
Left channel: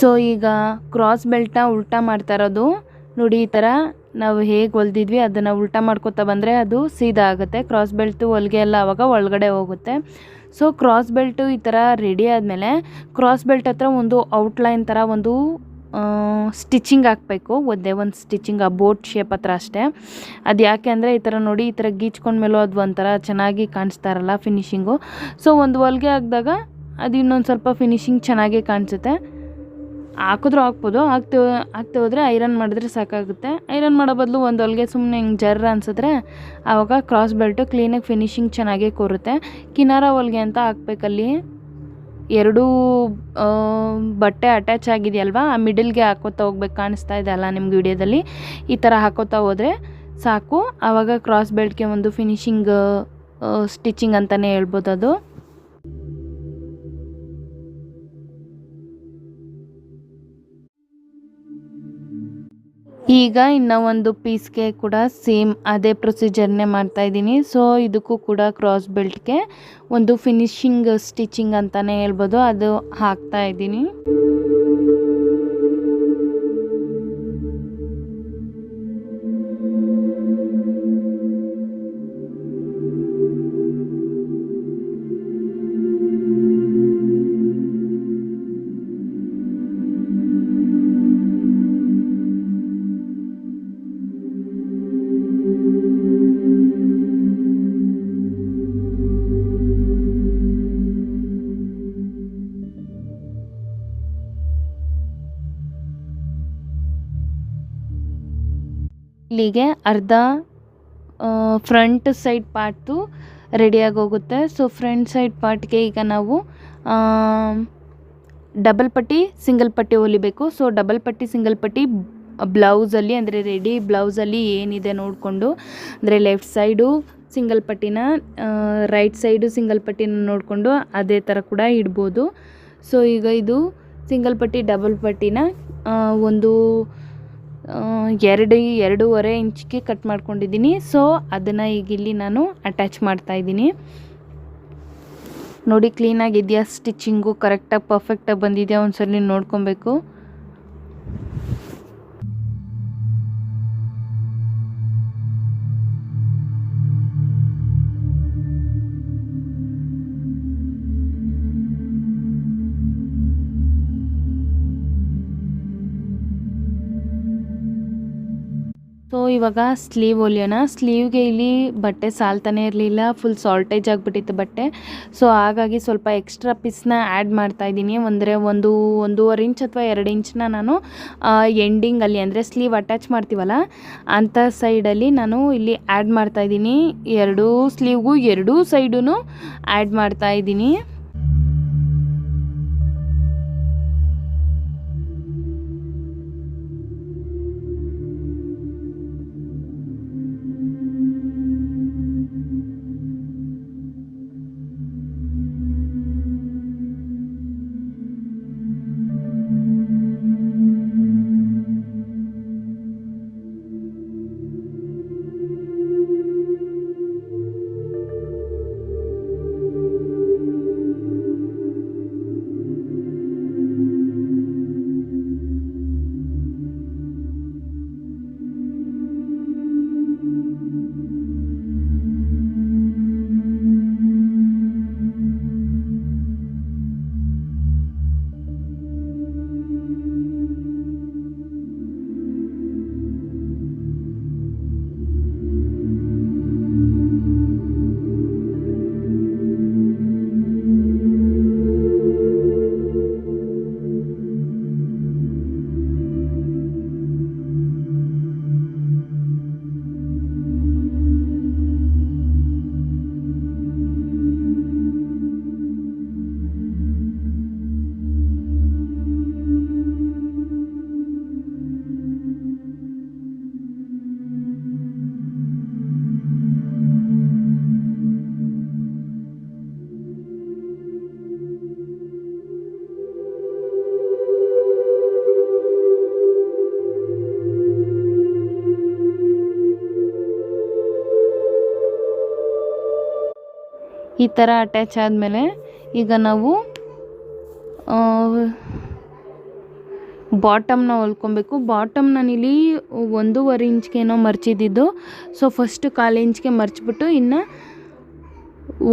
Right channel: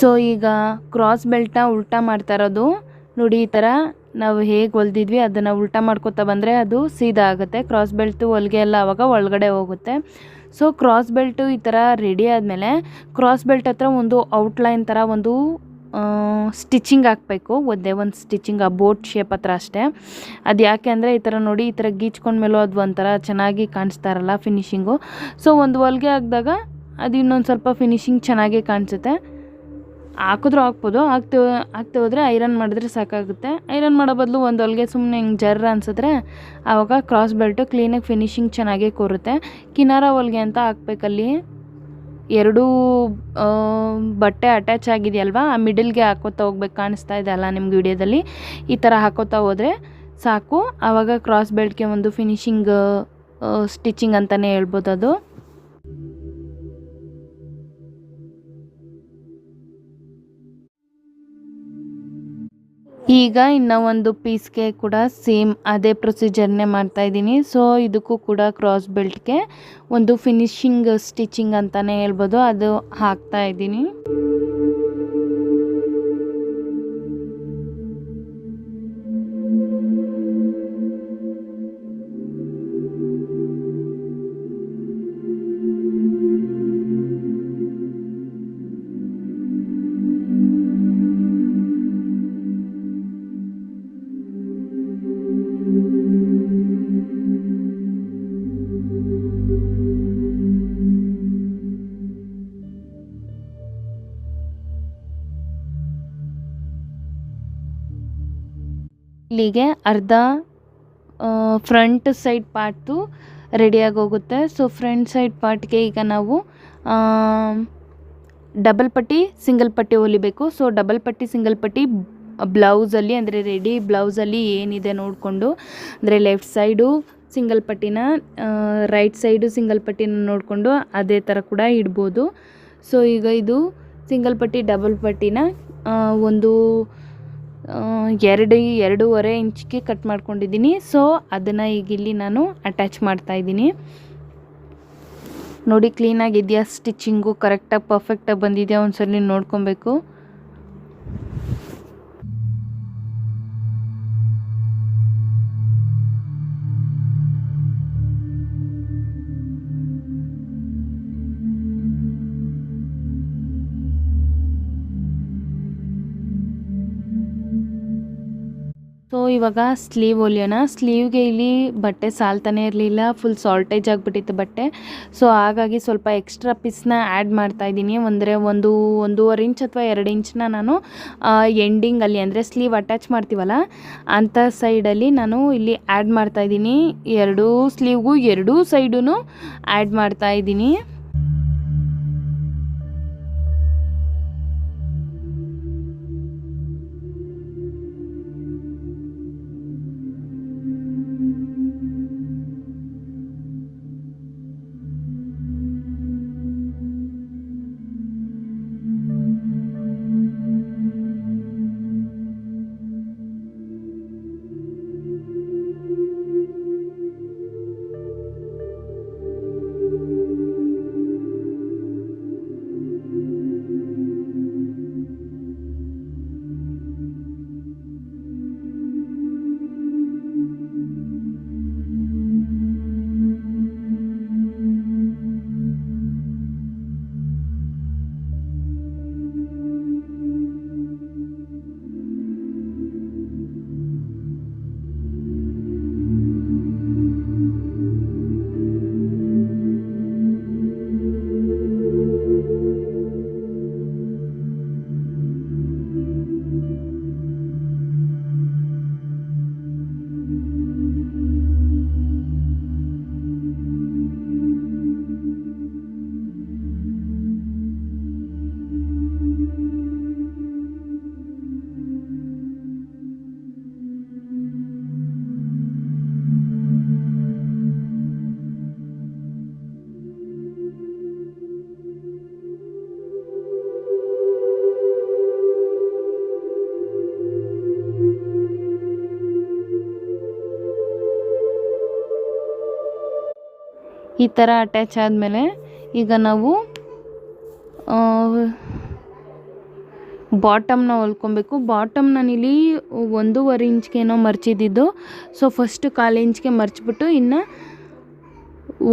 ಸೊ ಈಗ ಕ್ರಾಸ್ ಬೆಲ್ಟ್ನ ಉಲ್ಟಾ ಮಾಡ್ತಾ ಇರೋದು ನೋಡಿ. ಈ ಥರ ನಾವು ಹೇಗೆ ಹೊಲ್ದಿದ್ವಿ ಅದನ್ನು ಉಲ್ಟಾ ಮಾಡ್ಕೊತಾ ಬಂದರೆ ಅದು ಸೀದಾ ಆಗುತ್ತೆ. ಕ್ರಾಸ್ ಬೆಲ್ಟು ಹೊಲಿಗೆ ಎಲ್ಲ ಆವಾಗ ಒಳಗಡೆ ಹೋಗುತ್ತೆ. ಸೊ ಕ್ರಾಸ್ ಬೆಲ್ಟು ಈ ಥರ ರೆಡಿ ಆದಮೇಲೆ ಕ್ರಾಸ್ ಬೆಲ್ಟ್ ಹತ್ರ ಒಂದು ಔಟ್ಲೈನ್ ಥರ ಒಂದು ಸ್ಟಿಚಿಂಗ್ ಹಾಕಬೇಕು, ಒಂದೇ ಒಂದು ಸ್ಟಿಚಿಂಗ್ ಆ ಬೋಟ್ ಶೇಪ್ ಹತ್ರ ಅಷ್ಟೇ. ಅದು ಯಾಕೆ ಅಂದರೆ ಈ ಥರ ನೋಡಿ, ಈ ಥರ ಗೀಚ್ಕೊಂಡ್ಮೇಲೂ ಅದು ಒಂಥರ ಚೆನ್ನಾಗಿ ಕಾಣಿಸ್ತಾ ಇರಲ್ಲ ಫಿನಿಶಿಂಗು. ಸೊ ಒಂದು ಹೊಲಿಗೆ ಹಾಕಿದಾಗ ಅದು ಇನ್ನೊಂದು ಸ್ವಲ್ಪ ಫಿನಿಶಿಂಗ್ ಚೆನ್ನಾಗೇ ಕಾಣಿಸುತ್ತೆ. ಹಾಕಿದ್ರೂ ಹಾಕ್ಬೋದು, ಹಾಕ್ತೆ ಹೋದರೆ ಐರನ್ ಮಾಡಿದ್ರೆ ಸಾಕಾಗುತ್ತೆ. ಐರನ್ ಮಾಡೋ ಬದಲು ಒಂದು ಹೊಲಿಗೆ ಸುಮ್ಮನೆ ಹಿಂಗೆ ಜರ್ರ ಅನ್ಸಿದ್ರೆ ಆವಾಗ ಕ್ರಾಸ್ ಬೆಲ್ಟು ಕ್ಲೀನಾಗಿ ಫಿನಿಶಿಂಗ್ ಚೆನ್ನಾಗೇ ಕೂರುತ್ತೆ. ಕಿನಾರ ಹೊಲಿಗೆ ಅಂತ ಹಾಕ್ಬೇಕಲ್ಲಿ, ಎರಡೂ ಬಟ್ಟೆ ಅಟ್ಯಾಚ್ ಆಗಿದೆಯಲ್ವಾ, ಆ ಮಿಡಲ್ಗೆ ಹಾಕೋತಾ ಹೋಗ್ಬೇಕು. ಕಾಣಿಸ್ತಾ ಇದೆ ಅಲ್ಲ ನಿಮ್ಗೆ ವಿಡಿಯೋದಲ್ಲಿ, ಈ ಥರ ಹಾಕೋತಾ ಹೋದರೆ ಸಾಕು. ಆವಾಗ ಕ್ರಾಸ್ ಬೆಲ್ಟ್ಗೆ ಒಂದು ಫಿನಿಶಿಂಗ್ ಸ್ಟಿಚಿಂಗ್ ಅಂತಲೇ ಹೇಳ್ಬೋದು ಅದು. ಈಗ ಇನ್ನೂ ಒಂದು ಪೀಸ್ಗೆ ಕೂಡ ಸೇಮ್ ಅದೇ ಪ್ರೊಸೀಜರ್ನೇ ಮಾಡ್ತಾಯಿದ್ದೀನಿ. ಸೊ ಇದಕ್ಕೂ ಕೂಡ ಕ್ರಾಸ್ ಬೆಲ್ಟ್ಗೆ ಒಂದು ಫಿನಿಶಿಂಗ್ ಸ್ಟಿಚಿಂಗ್ ಅಂತಲೇ ಹೇಳ್ಬೋದು, ಅದು ಹಾಕ್ತಾಯಿದ್ದೀನಿ. ಇಲ್ಲಿಗೆ ಅರ್ಧ ಫ್ರಂಟ್ ಸೈಡ್ ಪಾರ್ಟು ರೆಡಿಯಾಗಿ ಹೋಗುತ್ತೆ. ಸೊ ಫ್ರಂಟ್ ಸೈಡ್ ಪಾರ್ಟ್ಗೆ ಈಗ ನಾವು ಡಬಲ್ ಪಟ್ಟಿ ಸಿಂಗಲ್ ಪಟ್ಟಿ ಹೊಲಿಬೇಕು. ಸೊ ಡಬಲ್ ಪಟ್ಟಿ ಸಿಂಗಲ್ ಪಟ್ಟಿ ಬ್ಲೌಸಲ್ಲಿ ಅಂದರೆ ರೆಡಿ ಬ್ಲೌಸಲ್ಲಿ ಏನಿದೆ ನೋಡಿಕೊಂಡು, ಅಂದರೆ ಲೆಫ್ಟ್ ಸೈಡು ಸಿಂಗಲ್ ಪಟ್ಟಿನ, ರೈಟ್ ಸೈಡು ಸಿಂಗಲ್ ಪಟ್ಟಿನ ನೋಡಿಕೊಂಡು ಅದೇ ಥರ ಕೂಡ ಇಡ್ಬೋದು. ಸೊ ಈಗ ಇದು ಸಿಂಗಲ್ ಪಟ್ಟಿ ಡಬಲ್ ಪಟ್ಟಿನ ಒಂದು 2.5 ಇಂಚ್ಗೆ ಕಟ್ ಮಾಡ್ಕೊಂಡಿದ್ದೀನಿ. ಸೊ ಅದನ್ನು ಈಗ ಇಲ್ಲಿ ನಾನು ಅಟ್ಯಾಚ್ ಮಾಡ್ತಾಯಿದ್ದೀನಿ. ನೋಡಿ ಕ್ಲೀನಾಗಿದೆಯಾ, ಸ್ಟಿಚಿಂಗು ಕರೆಕ್ಟಾಗಿ ಪರ್ಫೆಕ್ಟಾಗಿ ಬಂದಿದೆಯಾ ಒಂದ್ಸಲ ನೋಡ್ಕೊಬೇಕು. ಸೊ ಇವಾಗ ಸ್ಲೀವ್ ಹೊಲಿಯೋಣ. ಸ್ಲೀವ್ಗೆ ಇಲ್ಲಿ ಬಟ್ಟೆ ಸಾಲ್ತಾನೆ ಇರಲಿಲ್ಲ, ಫುಲ್ ಸಾಲ್ಟೇಜ್ ಆಗಿಬಿಟ್ಟಿತ್ತು ಬಟ್ಟೆ. ಸೊ ಹಾಗಾಗಿ ಸ್ವಲ್ಪ ಎಕ್ಸ್ಟ್ರಾ ಪೀಸ್ನ ಆ್ಯಡ್ ಮಾಡ್ತಾಯಿದ್ದೀನಿ. ಅಂದರೆ 1.5 ಇಂಚ್ ಅಥವಾ 2 ಇಂಚನ್ನ ನಾನು ಎಂಡಿಂಗಲ್ಲಿ, ಅಂದರೆ ಸ್ಲೀವ್ ಅಟ್ಯಾಚ್ ಮಾಡ್ತೀವಲ್ಲ ಅಂಥ ಸೈಡಲ್ಲಿ ನಾನು ಇಲ್ಲಿ ಆ್ಯಡ್ ಮಾಡ್ತಾಯಿದ್ದೀನಿ. 2 ಸ್ಲೀವ್ಗೂ 2 ಸೈಡೂ ಆ್ಯಡ್ ಮಾಡ್ತಾಯಿದ್ದೀನಿ. ಈ ಥರ ಅಟ್ಯಾಚ್ ಆದಮೇಲೆ ಈಗ ನಾವು ಬಾಟಮ್ನ ಹೊಲ್ಕೊಬೇಕು. ಬಾಟಮ್ ನಾನಿಲ್ಲಿ 1.5 ಇಂಚ್ಗೇನೋ ಮರ್ಚಿದ್ದು. ಸೊ ಫಸ್ಟ್ 1/4 ಇಂಚ್ಗೆ ಮರ್ಚಿಬಿಟ್ಟು ಇನ್ನು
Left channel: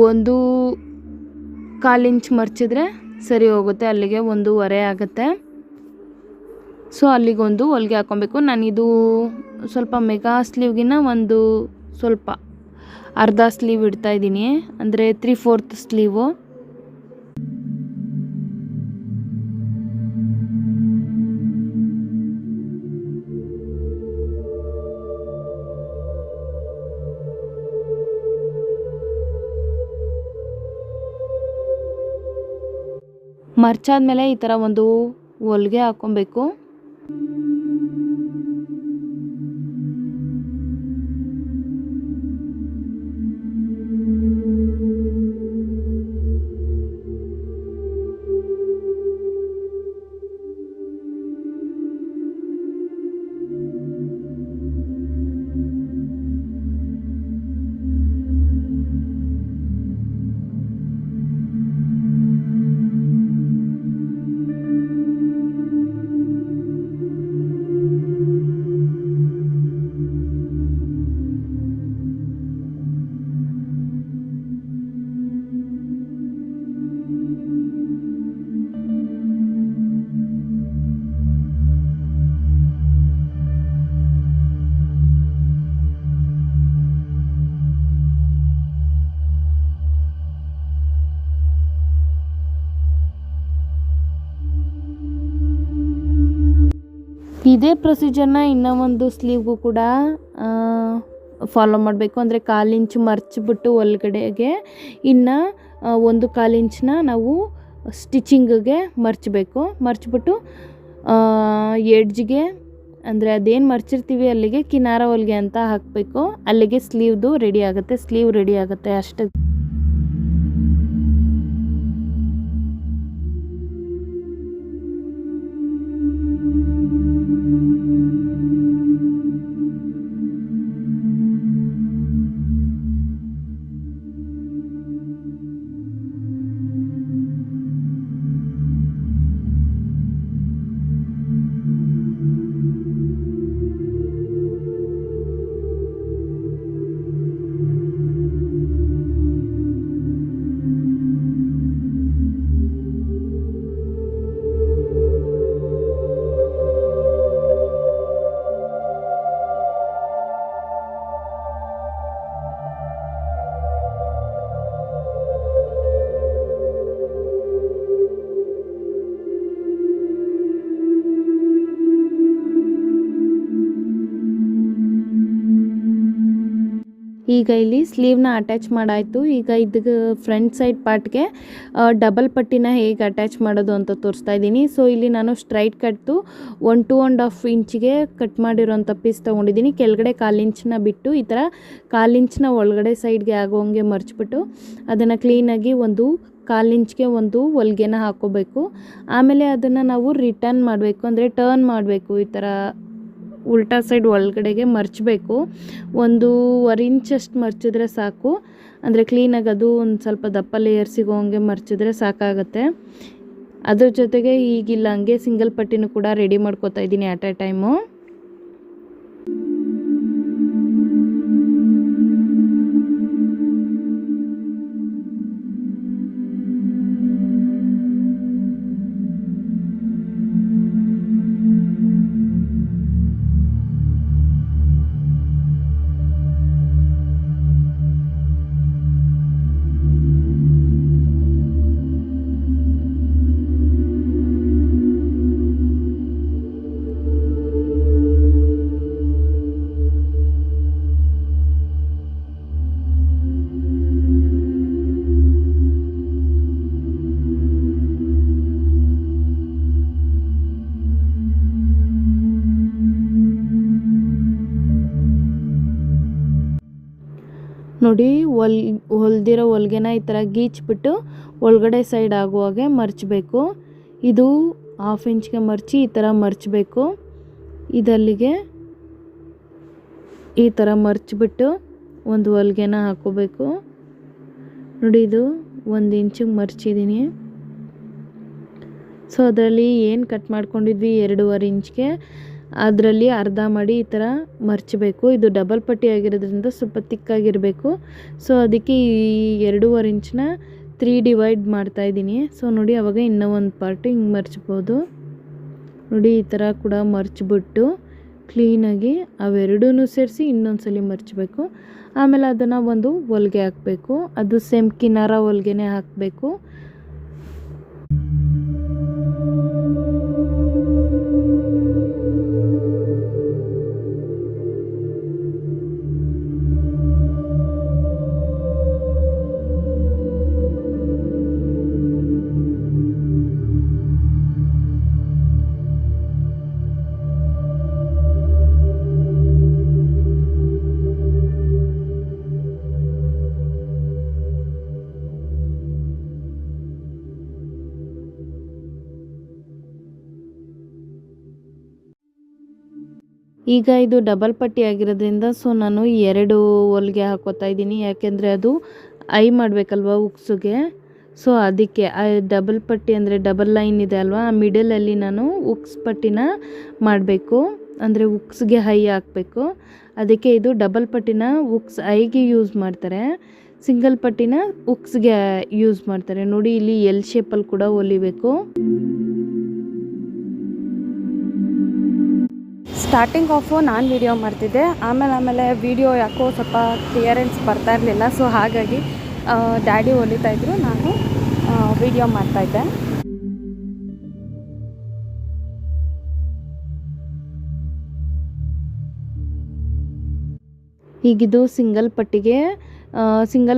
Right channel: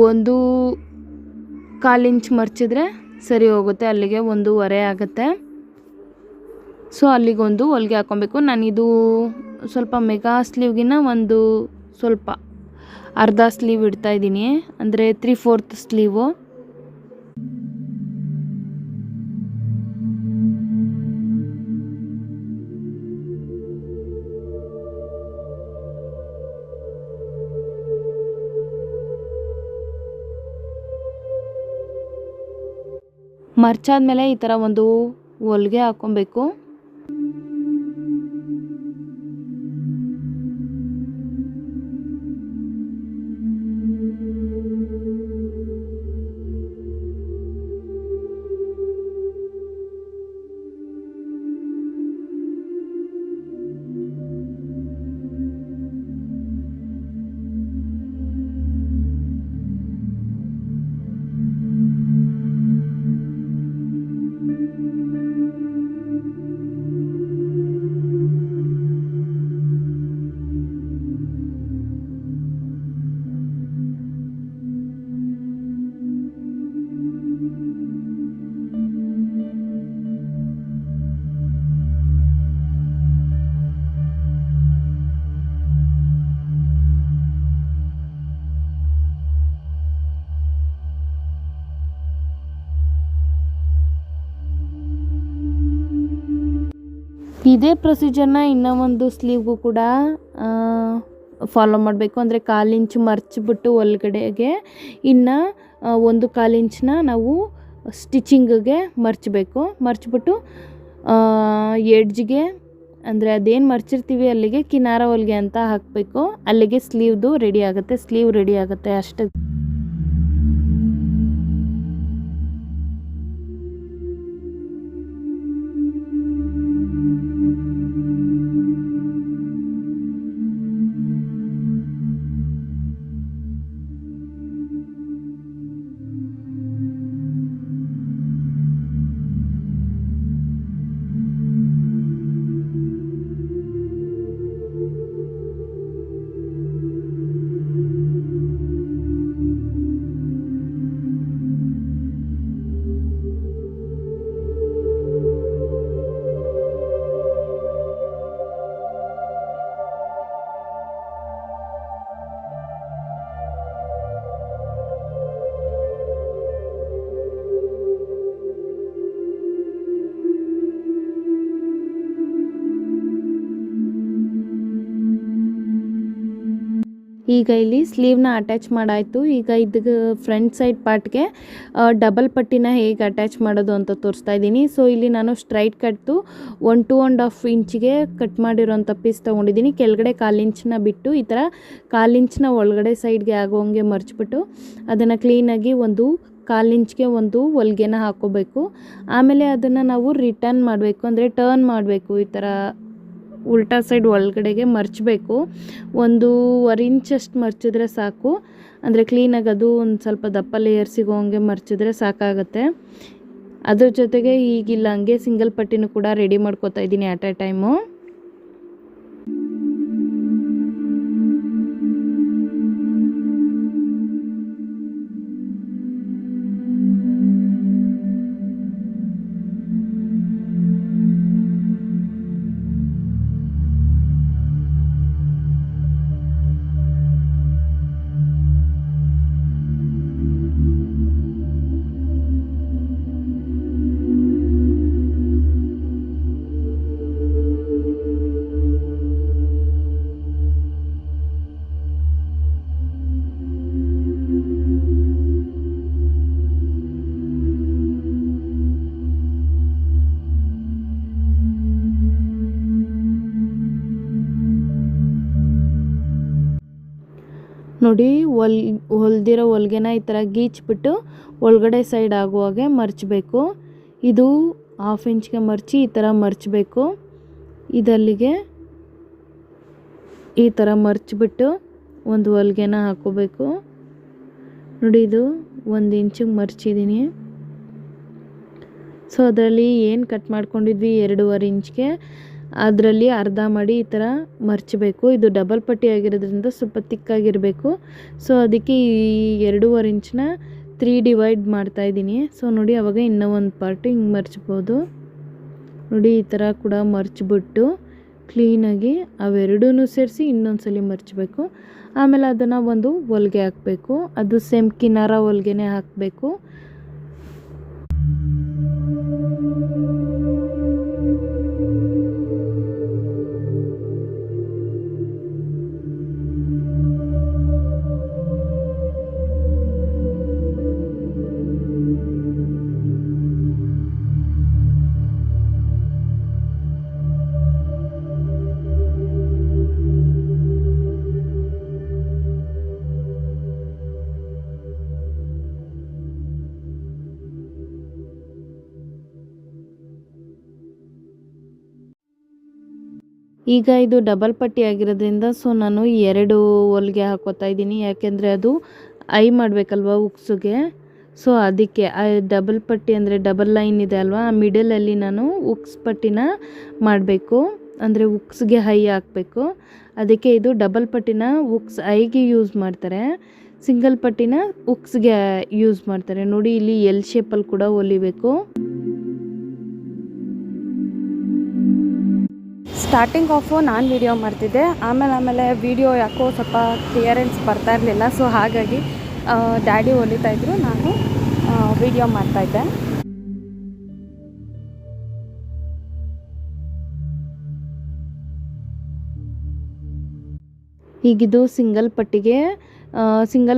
1/4 ಇಂಚ್ ಮರ್ಚಿದ್ರೆ ಸರಿ ಹೋಗುತ್ತೆ. ಅಲ್ಲಿಗೆ 1.5 ಆಗುತ್ತೆ. ಸೊ ಅಲ್ಲಿಗೊಂದು ಹೊಲಿಗೆ ಹಾಕ್ಕೊಬೇಕು. ನಾನಿದು ಸ್ವಲ್ಪ ಮೆಗಾ ಸ್ಲೀವ್ಗಿನ್ನ ಒಂದು ಸ್ವಲ್ಪ ಅರ್ಧ ಸ್ಲೀವ್ ಇಡ್ತಾಯಿದ್ದೀನಿ, ಅಂದರೆ 3/4 ಸ್ಲೀವು. ಮರ್ಚಾದ್ಮೇಲೆ ಈ ಥರ ಒಂದು ಹೊಲಿಗೆ ಹಾಕ್ಕೊಬೇಕು. ಇದೇ ಪ್ರೊಸೀಜರ್ನ ಇನ್ನೂ ಒಂದು ಸ್ಲೀವ್ಗೂ ಕೂಡ ಫಾಲೋ ಮಾಡಬೇಕು. ಅಂದರೆ 1/4 ಇಂಚ್ ಮರ್ಚಿಬಿಟ್ಟು ಒಳಗಡೆಗೆ ಇನ್ನು 1/4 ಇಂಚನ್ನ ನಾವು ಸ್ಟಿಚಿಂಗಿಗೆ ಮರ್ಚಿಬಿಟ್ಟು ಎಡ್ಜ್ಗೆ ಅಂದರೆ ಅದೇನು ಮರ್ಚಿರ್ತೀವಿ ಅಲ್ಲಿಗೆ ಕಿನಾರ ಹೊಲಿಗೆ ಅಂತ ಹಾಕಬೇಕು. ಅಲ್ಲಿಗೆ ಸ್ಲೀವ್ ರೆಡಿ ಆಗುತ್ತೆ ಅಷ್ಟೇ. ಈಗ ಇಲ್ಲಿ ಸ್ಲೀವ್ನ ಅಟ್ಯಾಚ್ ಮಾಡಾಯಿತು. ಈಗ ಇದಕ್ಕೆ ಫ್ರಂಟ್ ಸೈಡ್ ಪಾರ್ಟ್ಗೆ ಡಬಲ್ ಪಟ್ಟಿನ ಹೇಗೆ ಅಟ್ಯಾಚ್ ಮಾಡೋದು ಅಂತ ತೋರಿಸ್ತಾ ಇದ್ದೀನಿ. ಸೊ ಇಲ್ಲಿ ನಾನು ಸ್ಟ್ರೈಟ್ ಕಟ್ತು 1-2.5 ಇಂಚಿಗೆ ಕಟ್ ಮಾಡಿರೋಂಥ ಪೀಸ್ ತೊಗೊಂಡಿದ್ದೀನಿ. ಕೆಳಗಡೆ 1/4 ಇಂಚನ್ನ ಬಿಟ್ಟು ಈ ಥರ 1/4 ಇಂಚನ್ನ ಒಳಗಡೆ ಸೈಡ್ಗೆ ಆಗೋಂಗೆ ಮರ್ಚಿಬಿಟ್ಟು ಅದನ್ನು ಕ್ಲೀನಾಗಿ 1/4 ಇಂಚ್ಗೆ ಒಂದು ಹೊಲಿಗೆನ ಹಾಕ್ಕೋಬೇಕು. ಆಮೇಲೆ ಅದನ್ನು ನಾವು ರಿಟರ್ನ್ ಮಾಡಬೇಕು, ಅಂದರೆ ಟರ್ನ್ ಮಾಡಬೇಕು. ಈ ಥರ ಉಲ್ಟಾ ಸೈಡ್ ಒಳಗಡೆಗೆ ಮರ್ಚಬೇಕು. 1.25 ಇಂಚಷ್ಟು ಮರ್ಚಿದ್ರೆ ಸಾಕು. ಅಂದರೆ ಕ್ಲೀನಾಗಿ ಅದು ಒಂದು ಸ್ವಲ್ಪ ದಪ್ಪ ಲೇಯರ್ ಸಿಗೋ ಹಂಗೆ ಮರ್ಚಿದ್ರೆ ಸಾಕಾಗುತ್ತೆ. ಅದ್ರ ಜೊತೆಗೆ ಈಗಿಲ್ಲ ಹಂಗೆ ಸಿಂಗಲ್ ಪಟ್ಟಿನೂ ಕೂಡ ರೆಡಿ ಮಾಡ್ಕೋತಾ ಇದ್ದೀನಿ ಅಟ್ ಎ ಟೈಮು. ನೋಡಿ ಹೊಲ್ದಿರೋ ಹೊಲ್ಗೆನ ಈ ಥರ ಗೀಚ್ಬಿಟ್ಟು ಒಳಗಡೆ ಸೈಡ್ ಆಗುವಾಗೆ ಮರ್ಚಬೇಕು. ಇದು 1/2 ಇಂಚ್ಗೆ ಮರ್ಚಿ ಈ ಥರ ಮರ್ಚಬೇಕು. ಇದಲ್ಲಿಗೆ ಈ ಥರ ಮರ್ಚಿಬಿಟ್ಟು ಒಂದು ಹೊಲ್ಗೆನ ಹಾಕೋಬೇಕು. ನೋಡಿ ಇದು 1 ಇಂಚಿಗೆ ಮರ್ಚಿದ್ದೀನಿ. ಸೊ ಅದರಲ್ಲಿ ಏನು ಕಟ್ ಮಾಡ್ಕೊಂಡಿದ್ವಿ 2.5 ಇಂಚ್ಗೆ ಅದರಲ್ಲಿ ಅರ್ಧ ಮಾಡಿ ಈ ಥರ ಮರ್ಚಬೇಕು. ಇದು ಡಬಲ್ ಪಟ್ಟಿ ಆಗಿರೋದ್ರಿಂದ ಸ್ವಲ್ಪ ತಿಕ್ಕಾಗಿರಬೇಕು. ಸೊ ಅದಕ್ಕೆ ಈ 2.5 ಇಂಚನ್ನ 3 ಡಿವೈಡ್ ಮಾಡ್ತಾಯಿದ್ದೀನಿ. ಸೊ ನೋಡಿ ಆವಾಗ ಇನ್ನೂ ಒಂದು ಪಾರ್ಟು ಹಿಂಗೆ ಮರ್ಚ್ಬೋದು. ನೋಡಿ ಈ ಥರ ಕೂಡ ಮರ್ಚಿಬಿಟ್ಟು ಕ್ಲೀನಾಗಿ ಅವೆರಡೂ ಸೇರಿಸಿ ಇನ್ನೊಂದು ಸಲ ಮರ್ಚಬೇಕು. ಆಮೇಲೆ ಅದನ್ನು ಒಂದು ಹೊಲಿಗೆ ಹಾಕಬೇಕು. ಅದು ಸೇಮ್ ಕಿನಾರ ಹೊಲಿಗೆನೇ ಹಾಕಬೇಕು. ಈಗ ಇದು ಡಬಲ್ ಪಟ್ಟಿ ಆಗಿರೋದ್ರಿಂದ ಸೊ ನಾನು 2 ಹೊಲಿಗೆ ಹಾಕೋತಾ ಇದ್ದೀನಿ. ಯಾಕೆಂದರೆ ಅದು ಐ ಮಾಡಬೇಕಲ್ವ ಉಕ್ಸಿಗೆ. ಸೊ ಅದಕ್ಕೆ ಡಬಲ್ ಪಟ್ಟಿ ಅಂದರೆ ಡಬಲ್ ಲೈನ್ ಇದೆ ಅಲ್ವಾ, ಆ ಮಿಡಲಲ್ಲಿ ನಾನು ಉಕ್ಸ್ ಪಟ್ಟಿನ ಮಾಡಬೇಕು. ಅಂದರೆ ಉಕ್ಸ್ಗೆ ಹೈ ಹಾಕಬೇಕು. ಅದಕ್ಕೆ ಇದು ಡಬಲ್ ಪಟ್ಟಿನ ಉಕ್ಸ್ ಐಗೆ ಯೂಸ್ ಮಾಡ್ತಾರೆ, ಸಿಂಗಲ್ ಪಟ್ಟಿನ ಉಕ್ಸ್ಗೆ ಯೂಸ್ ಮಾಡ್ತಾರೆ. ನೋಡಿ ಇಲ್ಲಿ ಎಲ್ ಶೇಪಲ್ಲಿ ಕೂಡ ಹೊಲಿಬೇಕು. ಸ್ಟಾರ್ಟಿಂಗ್ ಆಫು ನಾನು ವಿಡಿಯೋ ಮಾಡ್ತಿದ್ದೆ, ಆಮೇಲೆ ವಿಡಿಯೋ ಯಾಕೋ ಸ್ವಲ್ಪ ಕ್ಲಿಯರೆನ್ಸ್ ಬರ್ತಾ ಇರಲಿಲ್ಲ. ಸೊ ಹಾಗಾಗಿ ಡ್ಯಾಡಿ ಹೊಲಿತಾಯಿದ್ರು, ನಾನು ವಿಡಿಯೋ ಮಾಡ್ತಾಯಿದ್ದೆ. ಈಗಿದು ಸಿಂಗಲ್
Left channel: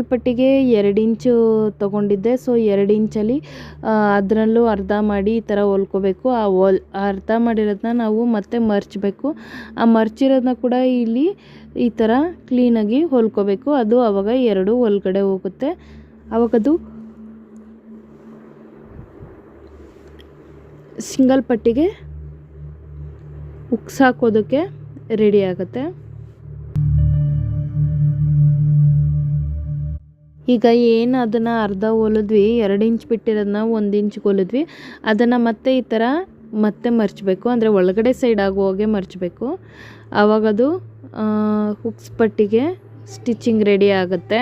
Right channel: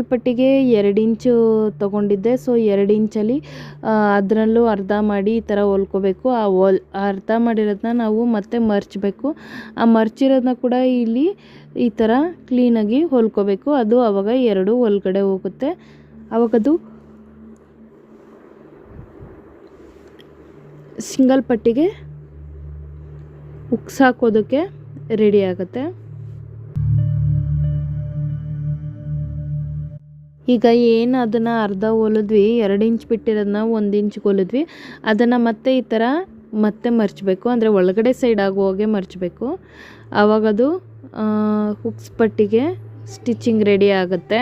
ಪಟ್ಟಿಗೆ 2 ಇಂಚು ತೊಗೊಂಡಿದ್ದೆ. ಸೊ 2 ಇಂಚಲ್ಲಿ ಅದರಲ್ಲೂ ಅರ್ಧ ಮಾಡಿ ಈ ಥರ ಹೊಲ್ಕೋಬೇಕು. ಅರ್ಧ ಮಾಡಿರೋದನ್ನ ನಾವು ಮತ್ತೆ ಮರ್ಚಬೇಕು. ಆ ಮರ್ಚಿರೋದನ್ನ ಕೂಡ ಇಲ್ಲಿ ಈ ಥರ ಕ್ಲೀನಾಗಿ ಹೊಲ್ಕೋಬೇಕು. ಅದು ಆವಾಗ 2 ಒಳಗಡೆ ಹೋಗುತ್ತೆ. ಆವಾಗದು ಸಿಂಗಲ್ ಪಟ್ಟಿಗೆ ಉಕ್ಸ್ ಹಾಕೋದಕ್ಕೆ ರೆಡಿ ಆಗುತ್ತೆ. ಈಗ ಏನು ಅದನ್ನು ಅರ್ಧ ಹೊಲಿದ್ವಿ, 2 ಇಂಚ್ ಬಿಟ್ಟಿರೋದನ್ನ 1 ಇಂಚ್ಗೆ ಹೊಲಿದ್ವಿ, ಅದನ್ನು ಮತ್ತೆ ಈ ಥರ ಮತ್ತೆ ಮರ್ಚಬೇಕು. ಅಂದರೆ ಒಳಗಡೆ ಸೈಡ್ ಆಗೋ ಹಾಗೆ ಮರ್ಚಬೇಕು. ಆವಾಗದು ಹುಕ್ಸ್ ಪಟ್ಟಿಗೆ ಸ್ಟಿಚಿಂಗ್ ರೆಡಿ ಆಗುತ್ತೆ.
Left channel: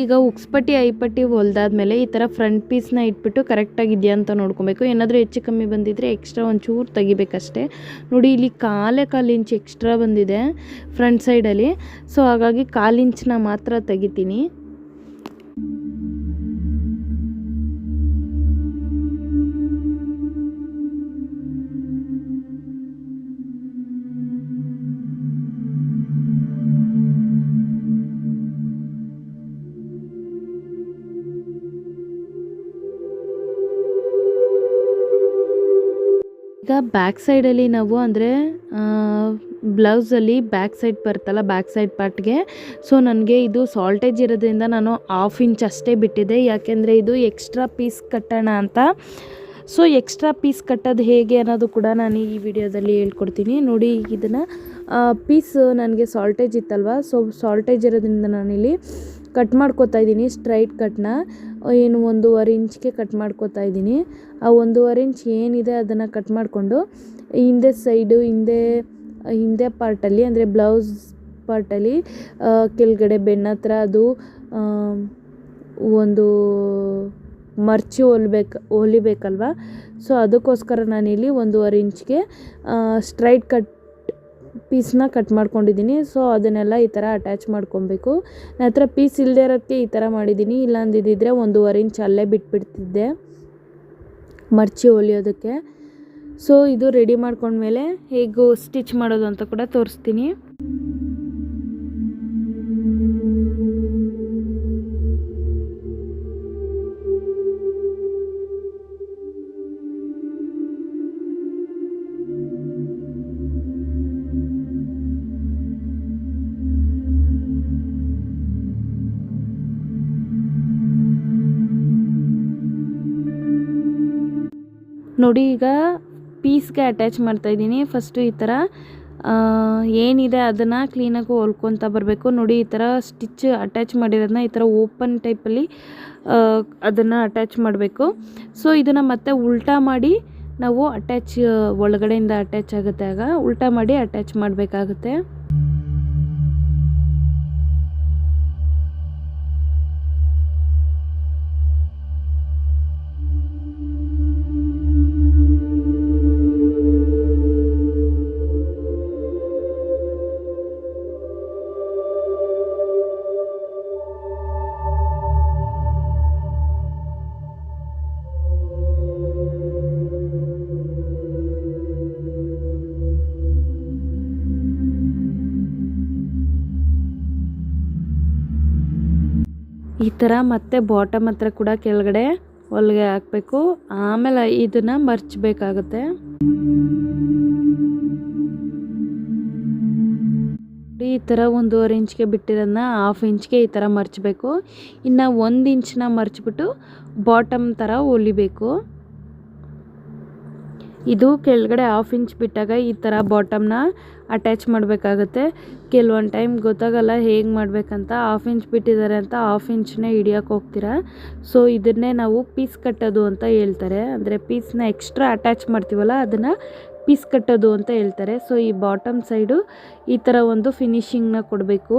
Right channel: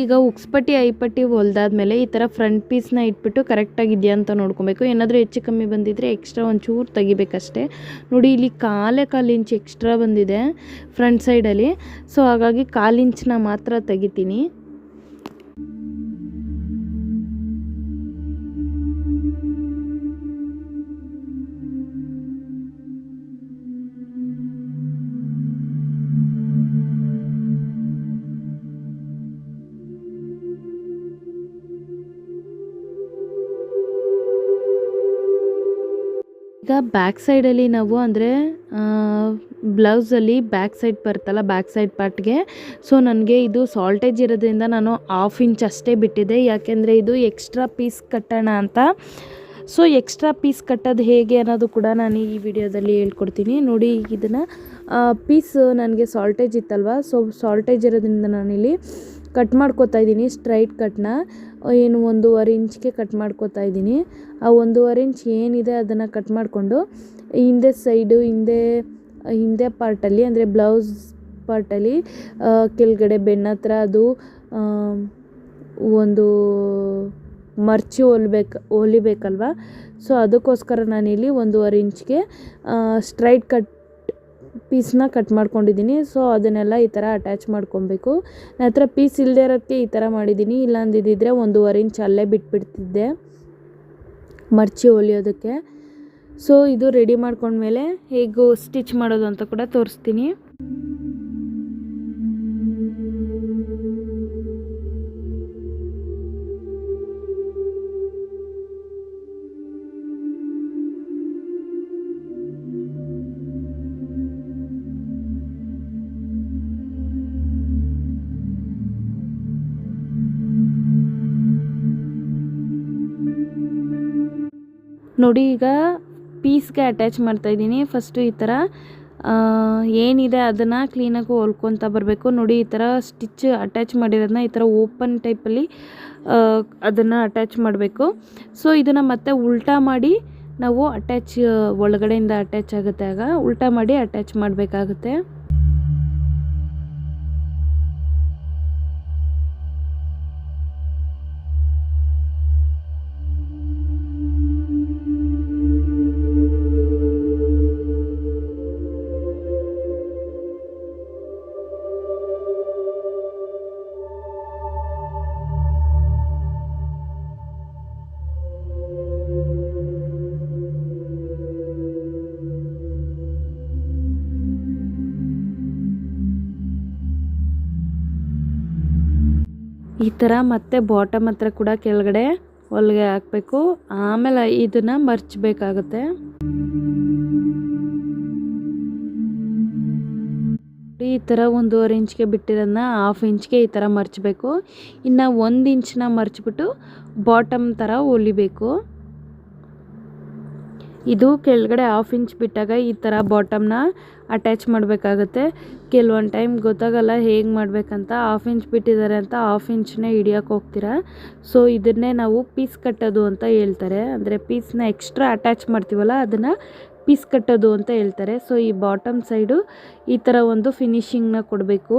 ಈಗ ಉಕ್ಸ್ಪಟ್ಟಿ ಐಪಟ್ಟಿ ಹೊಲ್ದಾದ್ಮೇಲೆ ಈ ಥರ ಫ್ರಂಟ್ ಪೀಸ್ನ ಇಟ್ಬಿಟ್ಟು ಕರೆಕ್ಟಾಗಿದೆಯಾ ಅಂತ ನೋಡ್ಕೊಬೇಕು. ಏನಾದರೂ ಹೆಚ್ಚು ಕಮ್ಮಿ ಬಂದಿದ್ದರೆ ಎಕ್ಸ್ಟ್ರಾ ಒಂಚೂರು ತೆಗಿಬೇಕಷ್ಟೇ. ನೋಡಿ ಇಲ್ಲಿ 1/4 ಇಂಚ್ ಎಕ್ಸ್ಟ್ರಾ ಬಂದಿದೆ ಫ್ರಂಟ್ ಸೈಡಲ್ಲಿ. ಸೊ ಹಾಗಾಗಿ 1/4 ಇಂಚನ್ನ ಮಾತ್ರ ತೆಗಿತೀನಿ. ಈಗ ಬ್ಯಾಕ್ ಸೈಡಲ್ಲಿ ನಾವು ಅಂದರೆ ಬ್ಲೌಸಲ್ಲಿ ಬ್ಯಾಕ್ ಸೈಡ್ ಬರುತ್ತಲ್ಲ, ಬ್ಯಾಕ್ ಸೈಡ್ ಪಾರ್ಟ್ಗೆ ಸೊ ನನಗೆ ಇದು ಸಾಲ್ಟೇಜ್ ಇರೋದ್ರಿಂದ ನಾನು 1/2 ಇಂಚ್ ಅಷ್ಟೇ ಬಿಟ್ಟಿದ್ದೆ. ಯಾಕೆಂದರೆ ಇದು ಎಕ್ಸ್ಟ್ರಾ ಪೀಸ್ ಕಟ್ಟೋಣ ಅಂತ. ಸೊ ಎಕ್ಸ್ಟ್ರಾ ಪೀಸ್ ಕಟ್ಟೋದು ಹೇಗೆ ಅನ್ನೋದು ಕೂಡ ನಾನು ಈ ವಿಡಿಯೋದಲ್ಲಿ ಹೇಳ್ಕೊಡ್ತೀನಿ. ನೋಡಿ ಇದನ್ನು ಪೀಸ್ ನನಗೆ ಸಾಲ್ಟೇಜ್ ಇತ್ತಲ್ವ, ಸೊ ಸಾಲ್ಟೇಜ್ ಇರೋದ್ರಿಂದ ನಾನಿಲ್ಲಿ ಕಟ್ ಮಾಡ್ಕೋತಾ ಇದ್ದೀನಿ. ಸ್ಟ್ರೈಟ್ ಕಟ್ನ ಏನು 1.5 ಇಂಚ್ಗೆ ಕಟ್ ಮಾಡ್ಕೋತಾ ಇದ್ದೀನಿ. ಆ 1.5 ಇಂಚ್ ಏನಿದೆ ಅದನ್ನು ಕಟ್ ಮಾಡಿಕೊಂಡು ಹಿಂದೆ ಸೈಡು ಹಿಂದೆ ಪಾರ್ಟಲ್ಲಿ ಅಂದರೆ ಬ್ಲೌಸ್ ಪಾರ್ಟಲ್ಲಿ ಕೆಳಗಡೆ ಬೆನ್ನ ಹತ್ರ ಅದು ಒಂದು ಮರ್ಚಿ ಹೊಲಿಬೇಕಲ್ವ. ಸೊ ಅದಕ್ಕೋಸ್ಕರ ನಾನಿಲ್ಲಿ 1.5 ಇಂಚ್ಗೆ ಸ್ಟ್ರೈಟ್ ಕಟ್ ಪೀಸ್ನ ಕಟ್ ಮಾಡ್ಕೊಂಡಿದ್ದೀನಿ. ಸೊ ಅದನ್ನೆಲ್ಲ ಈ ಥರ ಅಟ್ಯಾಚ್ ಮಾಡ್ಕೊಬೇಕು. ನನ್ನ ಹತ್ರ ಪೀಸ್ ಇಲ್ಲದೆ ಇರೋದಕ್ಕೆ ಈ ಥರ ಮಾಡಿದ್ದೀನಿ. ಇಲ್ಲ ಅಂದಿದ್ದರೆ 1.5 ಇಂಚ್ ಅಲ್ಲೇ ಬಿಟ್ಬಿಡ್ತಿದ್ದೆ ಮರ್ಚಿ ಹೊಲಿಯೋದಕ್ಕೆ. ಸೊ ಇದು ರೆಡಿ ಮಾಡ್ಕೊಂಡ್ಮೇಲೆ ಹೇಗೂ ಸ್ಟಿಚ್ ಮಾಡೋದು ಅಂತ ಕೂಡ ತೋರಿಸ್ತೀನಿ. ನೋಡಿ ಈಗ ಪೀಸ್ಗೆ ಅಟ್ಯಾಚ್ ಮಾಡ್ತಾಯಿದ್ದೀನಿ. ಫಸ್ಟು ಈ ಥರ ಏನಿದೆ ಅದನ್ನು ಕ್ಲೀನಾಗಿ ಹೊಲ್ಕೊತ ಬರಬೇಕು. ನೋಡಿ ಈ ಥರ ಸ್ಟಿಚ್ ಅಟ್ಯಾಚ್ ಮಾಡಿರೋದನ್ನ ಈ ಥರ ಓಪನ್ ಟೈಪಲ್ಲಿ ಅದನ್ನು ಅಟ್ಯಾಚ್ ಮಾಡಬೇಕು. ಸೊ ಇದನ್ನು ಮತ್ತೆ ಉಲ್ಟಾ ಮಾಡಿ ನಾವು ಒಳಗಡೆಯಿಂದ ಅಟ್ಯಾಚ್ ಆಗುತ್ತೆ, ಆಗ ಉಲ್ಟಾ ಮಾಡಿ ಅಟ್ಯಾಚ್ ಮಾಡಬೇಕಾಗುತ್ತೆ. ಈ ಥರ ಮತ್ತೆ ಬಾಟಮ್ ಹತ್ರ ಕೂಡ ಕೆಳಗಡೆ ಹೊಲಿಗೆ ಹಾಕಬೇಕು. ಆಮೇಲೆ ಇದನ್ನು ಮರ್ಚಬೇಕಾಗುತ್ತೆ. ಈ ಥರ 1.5 ಇಂಚ್ಗೆ ಬಿಟ್ಟಿರೋದನ್ನ 1/2 ಇಂಚ್ಗೆ ಈ ಥರ ಮರ್ಚಬೇಕು. ಇನ್ನು 1 ಇಂಚನ್ನ ಮರ್ಚಿಬಿಟ್ಟು ಬಾಟಮ್ ಥರ ಹೊಲಿಬೇಕು. ಇದು ಕೆಳಗಡೆ 1/2 ಇಂಚ್ ಬಿಟ್ಟಾಗ ಈ ಥರ ಬಾಟಮ್ನ ಅಟ್ಯಾಚ್ ಮಾಡಬೇಕಾಗುತ್ತೆ. ಕೆಲವೊಂದು ಟೈಮ್ ಗೊತ್ತಾಗಲ್ಲ ಹೇಗೆ ಮಾಡಬೇಕಂತ. 1/2 ಇಂಚ್ ಬಿಟ್ಟಿದ್ದಾರೆ ಅಂತ 1/2 ಇಂಚನ್ನೇ ಹಿಡಿಯೋಕೆ ಹೋಗ್ತೀರಾ. ಸೊ ಇದನ್ನೇ ನಾವು ಪೀಸ್ ಕಟ್ಟೋದು ಅಂತ ಹೇಳ್ತಾರೆ. ಅಂದರೆ ಪೀಸ್ನ ಎಕ್ಸ್ಟ್ರಾ ಅಟ್ಯಾಚ್ ಮಾಡ್ತೀವಲ್ಲ ಅದನ್ನು ಪೀಸ್ ಕಟ್ಟೋದು ಅಂತ ಹೇಳ್ತಾರೆ. ಸೊ ಈ ಬಾಟಮ್ ಸೈಡು ಈ ಥರ ಒಂದು ಫಿನಿಶಿಂಗ್ನ ಕೊಡಬೇಕು.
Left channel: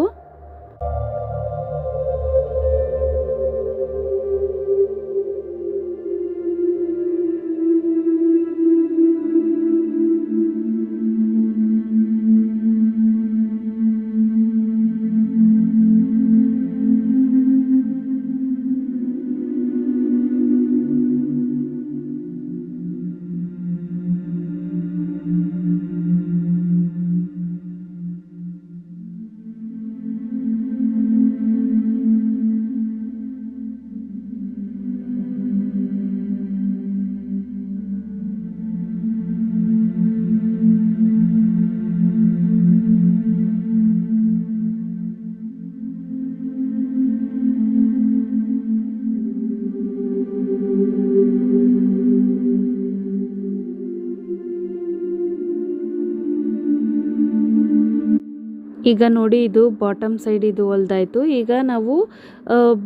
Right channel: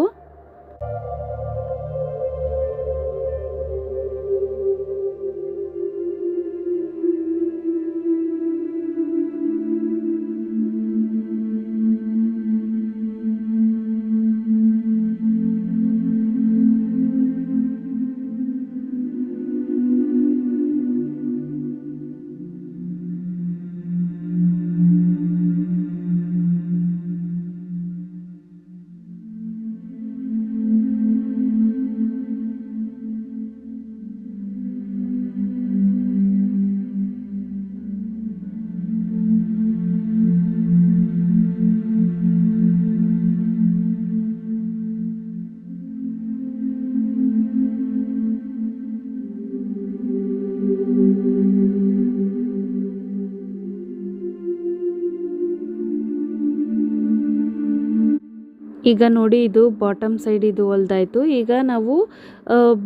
ಈಗ ನೋಡಿ ಇದು ಬಾಟಮ್ ಸೈಡ್ ಇದು ಹೊಲ್ದಾಯಿತು. ಈಗ ನಾವು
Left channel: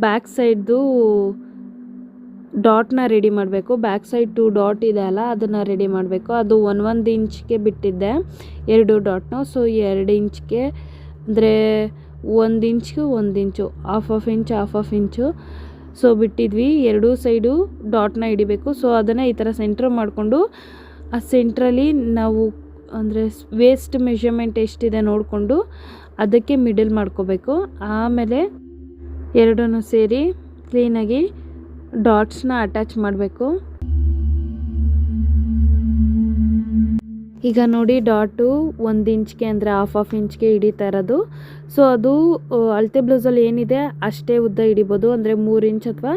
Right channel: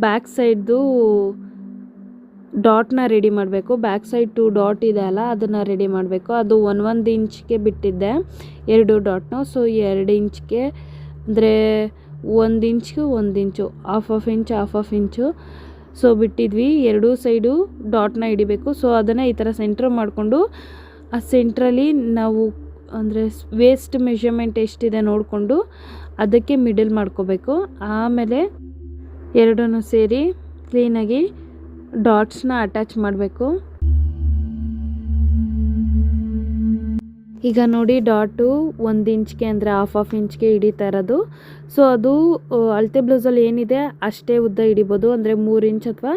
ಬ್ಯಾಕ್ ಸೈಡ್ದು ಡಾಟ್ನ ರೆಡಿ ಮಾಡಬೇಕು. ಬ್ಯಾಕ್ ಸೈಡ್ 2 ಡಾಟ್ ಇದೆ ಅಲ್ಲ ಅದನ್ನು ರೆಡಿ ಮಾಡಬೇಕು. ಅದು 1 ಇಂಚ್ಗೆ ಬಿಟ್ಟಿದ್ದೆ 2 ಡಾಟ್ನು. ಸೊ 2 ಇಂಚ್ಗೆ ಅಂದರೆ 1 ಇಂಚ್ಗೆ 1 ಇಂಚು 1/2 ಇಂಚ್ 1/2 ಇಂಚು ಸೊ ಬಿಟ್ಟಿದ್ವಿ. 2 ಸೈಡು ಡಾಟ್ನ ಹಿಡಿಬೇಕು. ಸೊ ಅದನ್ನು ಈ ಥರ ಸೆಂಟ್ರ್ ಮಾಡಿಕೊಂಡು ಆ ಸೆಂಟ್ರಲ್ಲಿ ನಾವು ಅಂದರೆ ವೇಸ್ಟ್ ಮೆಷರ್ಮೆಂಟ್ ಎಷ್ಟಿದೆ ನೋಡಿಕೊಂಡು ಅದಕ್ಕೆ ಮಿಡಲ್ ಮಾಡ್ಕೋಬೇಕು. ಆಮೇಲೆ ಎರಡನ್ನೂ ಸೇರಿ ಕ್ಲೀನಾಗಿ ಡಾಟ್ಸ್ನ ಅಟ್ಯಾಚ್ ಮಾಡಬೇಕು. ಈಗ ನೋಡಿ ಡಾಟು 1 ಇಂಚ್ಗೆ ಅಂದರೆ 1/2 ಇಂಚ್ಗೆ ಹಿಡಿತಾ ಇರೋದು. ಸೊ ಅದು ಅಳತೆ ಬ್ಲೌಸಲ್ಲಿ ಏನಿದೆ ಅಷ್ಟೇ ಉದ್ದ ಹಿಡಿಬೋದು. ಅಂದರೆ 3 ಇಂಚ್ ಅಥವಾ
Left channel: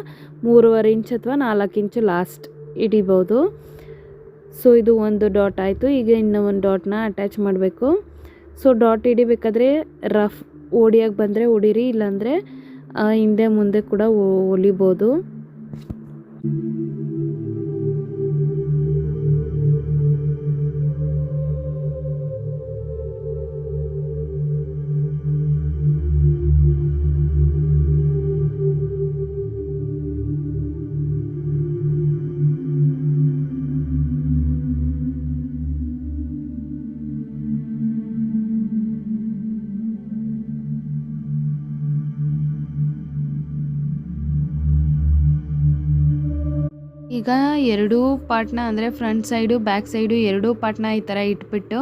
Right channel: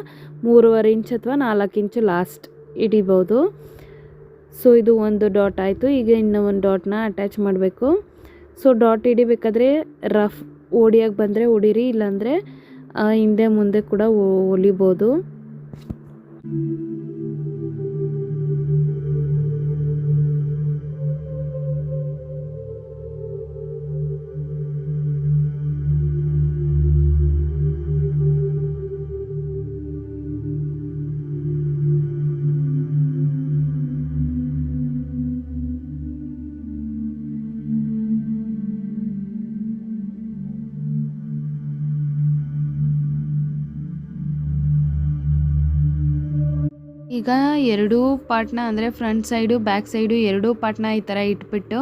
3.5 ಇಂಚ್ ಅಥವಾ 4 ಇಂಚು ಲಾಸ್ಟ್ ಹಿಡಿಬೋದು. ಸೊ ಇದು ಒಂದು ಡಾಟ್ ಆಯಿತು. ಈಗ ಇನ್ನೂ ಒಂದು ಡಾಟ್ನ ಅಟ್ಯಾಚ್ ಮಾಡಬೇಕು. ಸೊ ಡಾಟ್ ಹಿಡಿಬೇಕಾದ್ರೆ ರಫ್ ಹೊಡಿಯೋಕ್ಕೆ ಬಂದರೆ ಹೊಡೀರಿ, ಇಲ್ಲಾಂದರೆ ಹಿಂದೆ ಮುಂದೆ ಕೂಡ ಹೊಲಿಬೋದು. ಈಗ 2 ಪಾರ್ಟ್ನ ಅಂದರೆ ಫ್ರಂಟ್ ಸೈಡು ಬ್ಯಾಕ್ ಸೈಡು 2 ಪಾರ್ಟ್ನ ಈ ಥರ ಇಟ್ಬಿಟ್ಟು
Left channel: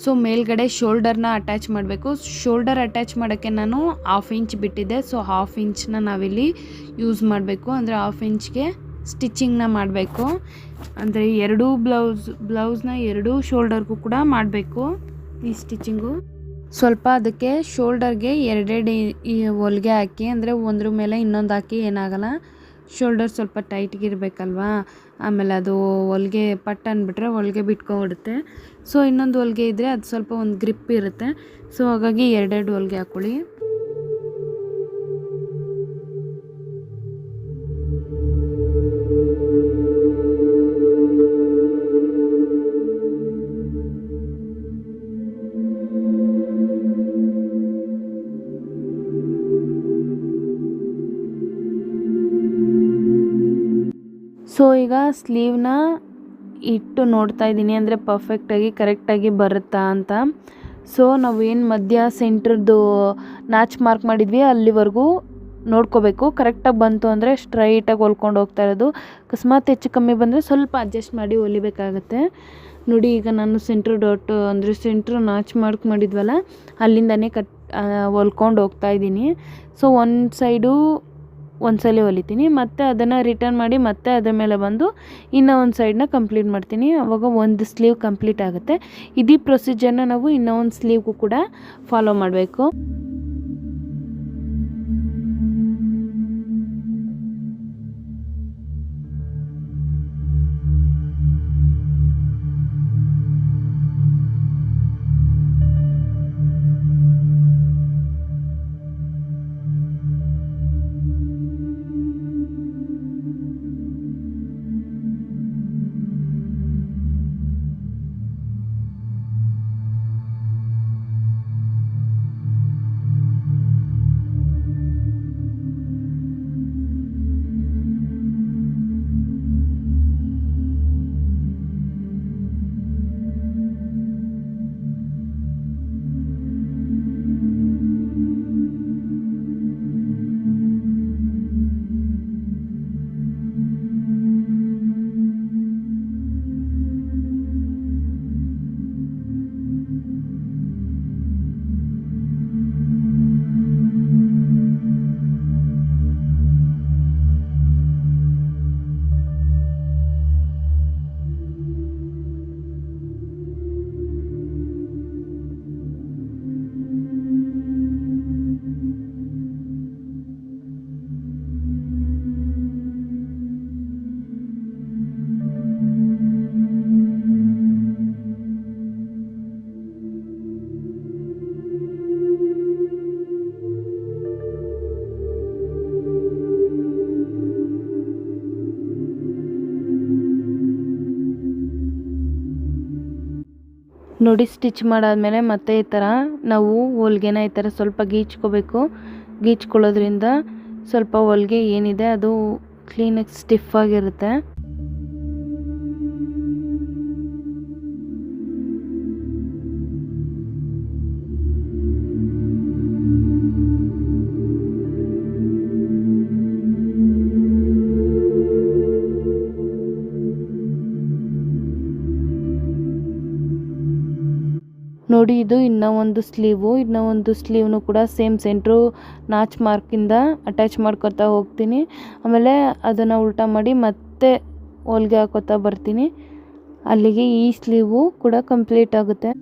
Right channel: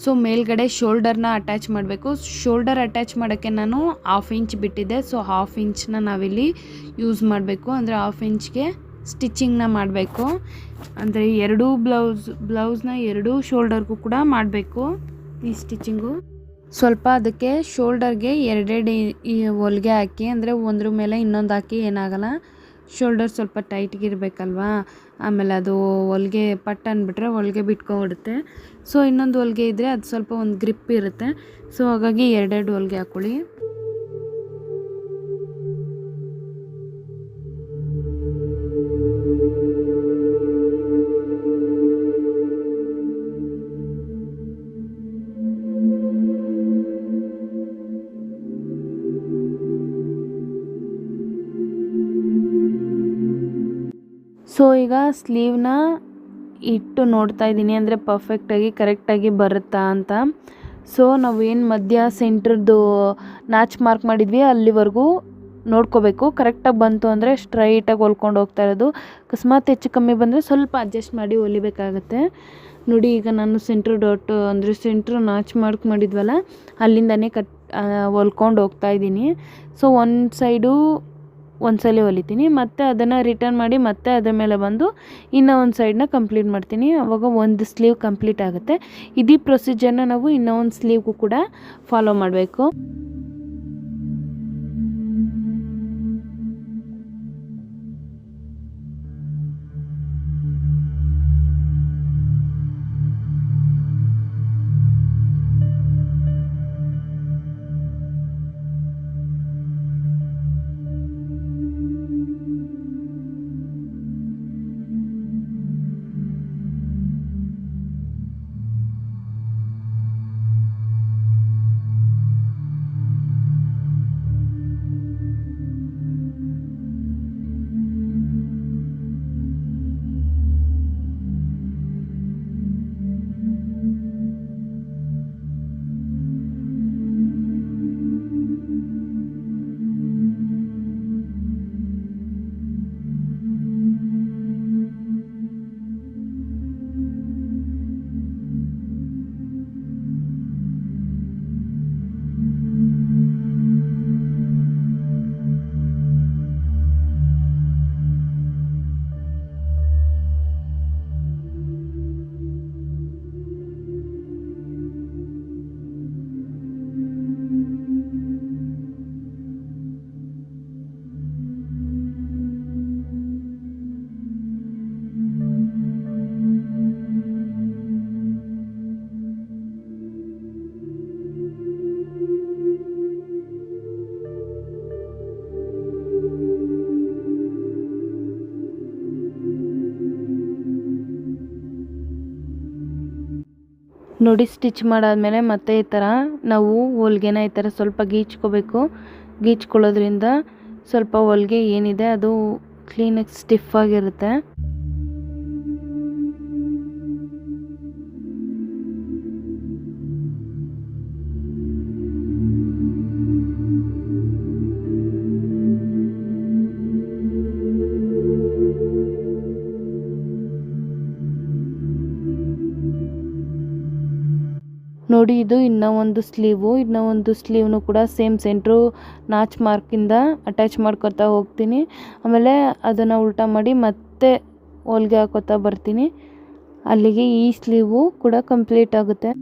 ಸೊ ಮೇಲ್ಗಡೆ ಶೋಲ್ಡರ್ನ ಅಟ್ಯಾಚ್ ಮಾಡಬೇಕು. ಶೋಲ್ಡರ್ ಅಟ್ಯಾಚ್ ಮಾಡೋಕ್ಕೆ ನಾನು 1/2 ಇಂಚ್ ಬಿಟ್ಟಿದ್ದೆ. ಸೊ 1/2 ಇಂಚನ್ನ ನಾವಿಲ್ಲಿ ಯೂಸ್ ಮಾಡಬೇಕು. ಅಂದರೆ 1/2 ಇಂಚ್ಗೆ ಸ್ಟಿಚಿಂಗ್ನ ಮಾಡಬೇಕು. ಅಂದರೆ 2 ಬ್ಲೌಸ್ನ 2 ಶೋಲ್ಡರ್ಗೂ ಕೂಡ ಮಾಡಬೇಕು ಈ ಸ್ಟಿಚಿಂಗು. ಸ್ವಲ್ಪ ಅದಕ್ಕೆ ಶೋಲ್ಡರ್ಗೆ 2 ಹೊಲಿಗೆ ಹಾಕಿ, ಅಂದರೆ ಒಂದ್ರ ಮೇಲೆ ಇನ್ನೊಂದು ಹಾಕಿ ಏನಾಗಲ್ಲ. ಶೋಲ್ಡರ್ ಸ್ವಲ್ಪ ಟೈಟ್ಗಿರಬೇಕಲ್ವಾ, ಆಮೇಲೆ ಅದು ಹೊಲಿಗೆ ಪಟ್ ಅಂದ್ಬಿಟ್ರೆ ಹೊಲಿಗೆ ಬಿಟ್ಕೊಬಿಡುತ್ತೆ. ಸೊ ಇನ್ನೊಂದು ಹೊಲಿಗೆ ಇದ್ದರೆ ಅದು ಸ್ವಲ್ಪ ಒಂದು ಗ್ರಿಪ್ ಇರುತ್ತೆ. ಸೊ ಹಾಗಾಗಿ 2 ಹೊಲಿಗೆ ಹಾಕ್ಕೊಳ್ಳಿ. ಸೊ ಈಗ ಸ್ಲೀವ್ನ ಇಟ್ಟು ನೋಡ್ತಾ ಇದ್ದೀನಿ, ಅಂದರೆ ಪರ್ಫೆಕ್ಟಾಗಿ ಕರೆಕ್ಟಾಗಿ ಬರುತ್ತಾ ಅಂತ. ಸೊ ನಾವು ಏನು ಮಧ್ಯ ಸೆಂಟ್ರದ್ದು ನಾಚ್ ಮಾರ್ಕ್ ಮಾಡಿದ್ವಿ ಅಲ್ಲಿವರೆಗೂ ನೋಡ್ಕೋಬೇಕು. ಕರೆಕ್ಟಾಗಿ ಬಂತು ಅಂದರೆ ಸ್ಟ್ರೈಟಾಗಿ ಹೊಲ್ಕೊಂಡು ಹೋಗ್ತಾ ಇರೋದು. ಅಕಸ್ಮಾತ್ ಹೆಚ್ಚು ಕಮ್ಮಿ ಬಂದರೆ ಸ್ವಲ್ಪ ಅಡ್ಜಸ್ಟ್ ಮಾಡಿ ಹೊಲಿಬೇಕಾಗತ್ತೆ. ನೋಡಿ ಈಗ ನಾನು ಸೆಂಟ್ರ್ ಡಾಟ್ ಅಂದರೆ ಸೆಂಟ್ರ್ ನಾಚ್ ಮಾರ್ಕ್ ಮಾಡಿದ್ವಲ್ಲ ಅಲ್ಲಿಂದನೇ ಹೊಲ್ಕೊಂಡು ಹೋಗ್ತಾ ಇದ್ದೀನಿ. ಸೊ ಒಂದು ಸೈಡು ಒಂದ್ಸಲ ಹೊಲಿತೀನಿ, ಮತ್ತು ಅದನ್ನು ರಿಟರ್ನ್ ಮಾಡಿ ಮತ್ತೆ ಅದರ ಮೇಲೆ ಬಂದು ಇನ್ನೂ ಒಂದು ಸೈಡನ್ನ ಕಂಪ್ಲೀಟ್ ಮಾಡ್ತೀನಿ. ಆವಾಗ ಒಂದು ಸ್ಲೀವ್ ಕಂಪ್ಲೀಟ್ ಆಗುತ್ತೆ. ಇದೇ ಪ್ರೊಸೀಜರ್ನ ನಾವು ಇನ್ನೂ ಒಂದು ಸ್ಲೀವ್ಗೂ ಕೂಡ ಫಾಲೋ ಮಾಡಬೇಕು. ನೋಡಿ ಸ್ಟಿಚ್ ಮಾಡಾದ್ಮೇಲೆ ಮತ್ತೆ ಈ ಥರ ನಾವು ಹೊಲ್ಗೆನ ಈ ಥರ ಸ್ವಲ್ಪ ಗೀಚ್ಕೋಬೇಕು. ಗೀಚ್ಕೊಳ್ಳೋದ್ರಿಂದ ಸ್ವಲ್ಪ ಹೊಲ್ಗೆ ಏನಿದೆ ಅದು ಕ್ಲೀನಾಗಿ ಸ್ಟಿಫ್ ಆಗಿರುತ್ತೆ. ನೋಡಿ ಇದು ಇನ್ನೂ ಒಂದು ಸ್ಲೀವ್ನು ಕೂಡ ಸೇಮ್ ಸೆಂಟ್ರು ನಾಚ್ ಮಾರ್ಕಿಂದ ಅಟ್ಯಾಚ್ ಮಾಡ್ಕೊತಾ ಹೋಗ್ತೀನಿ. ಆಮೇಲೆ ಅದನ್ನು ಉಲ್ಟಾ ಮಾಡಿ ಮತ್ತೆ ಹೊಲ್ಗೆ ಹಾಕೋತಾ ಬರ್ತೀನಿ. ಅಲ್ಲಿಗೆ ಈ ಸ್ಲೀವು ಕೂಡ ಕಂಪ್ಲೀಟ್ ಆಗುತ್ತೆ.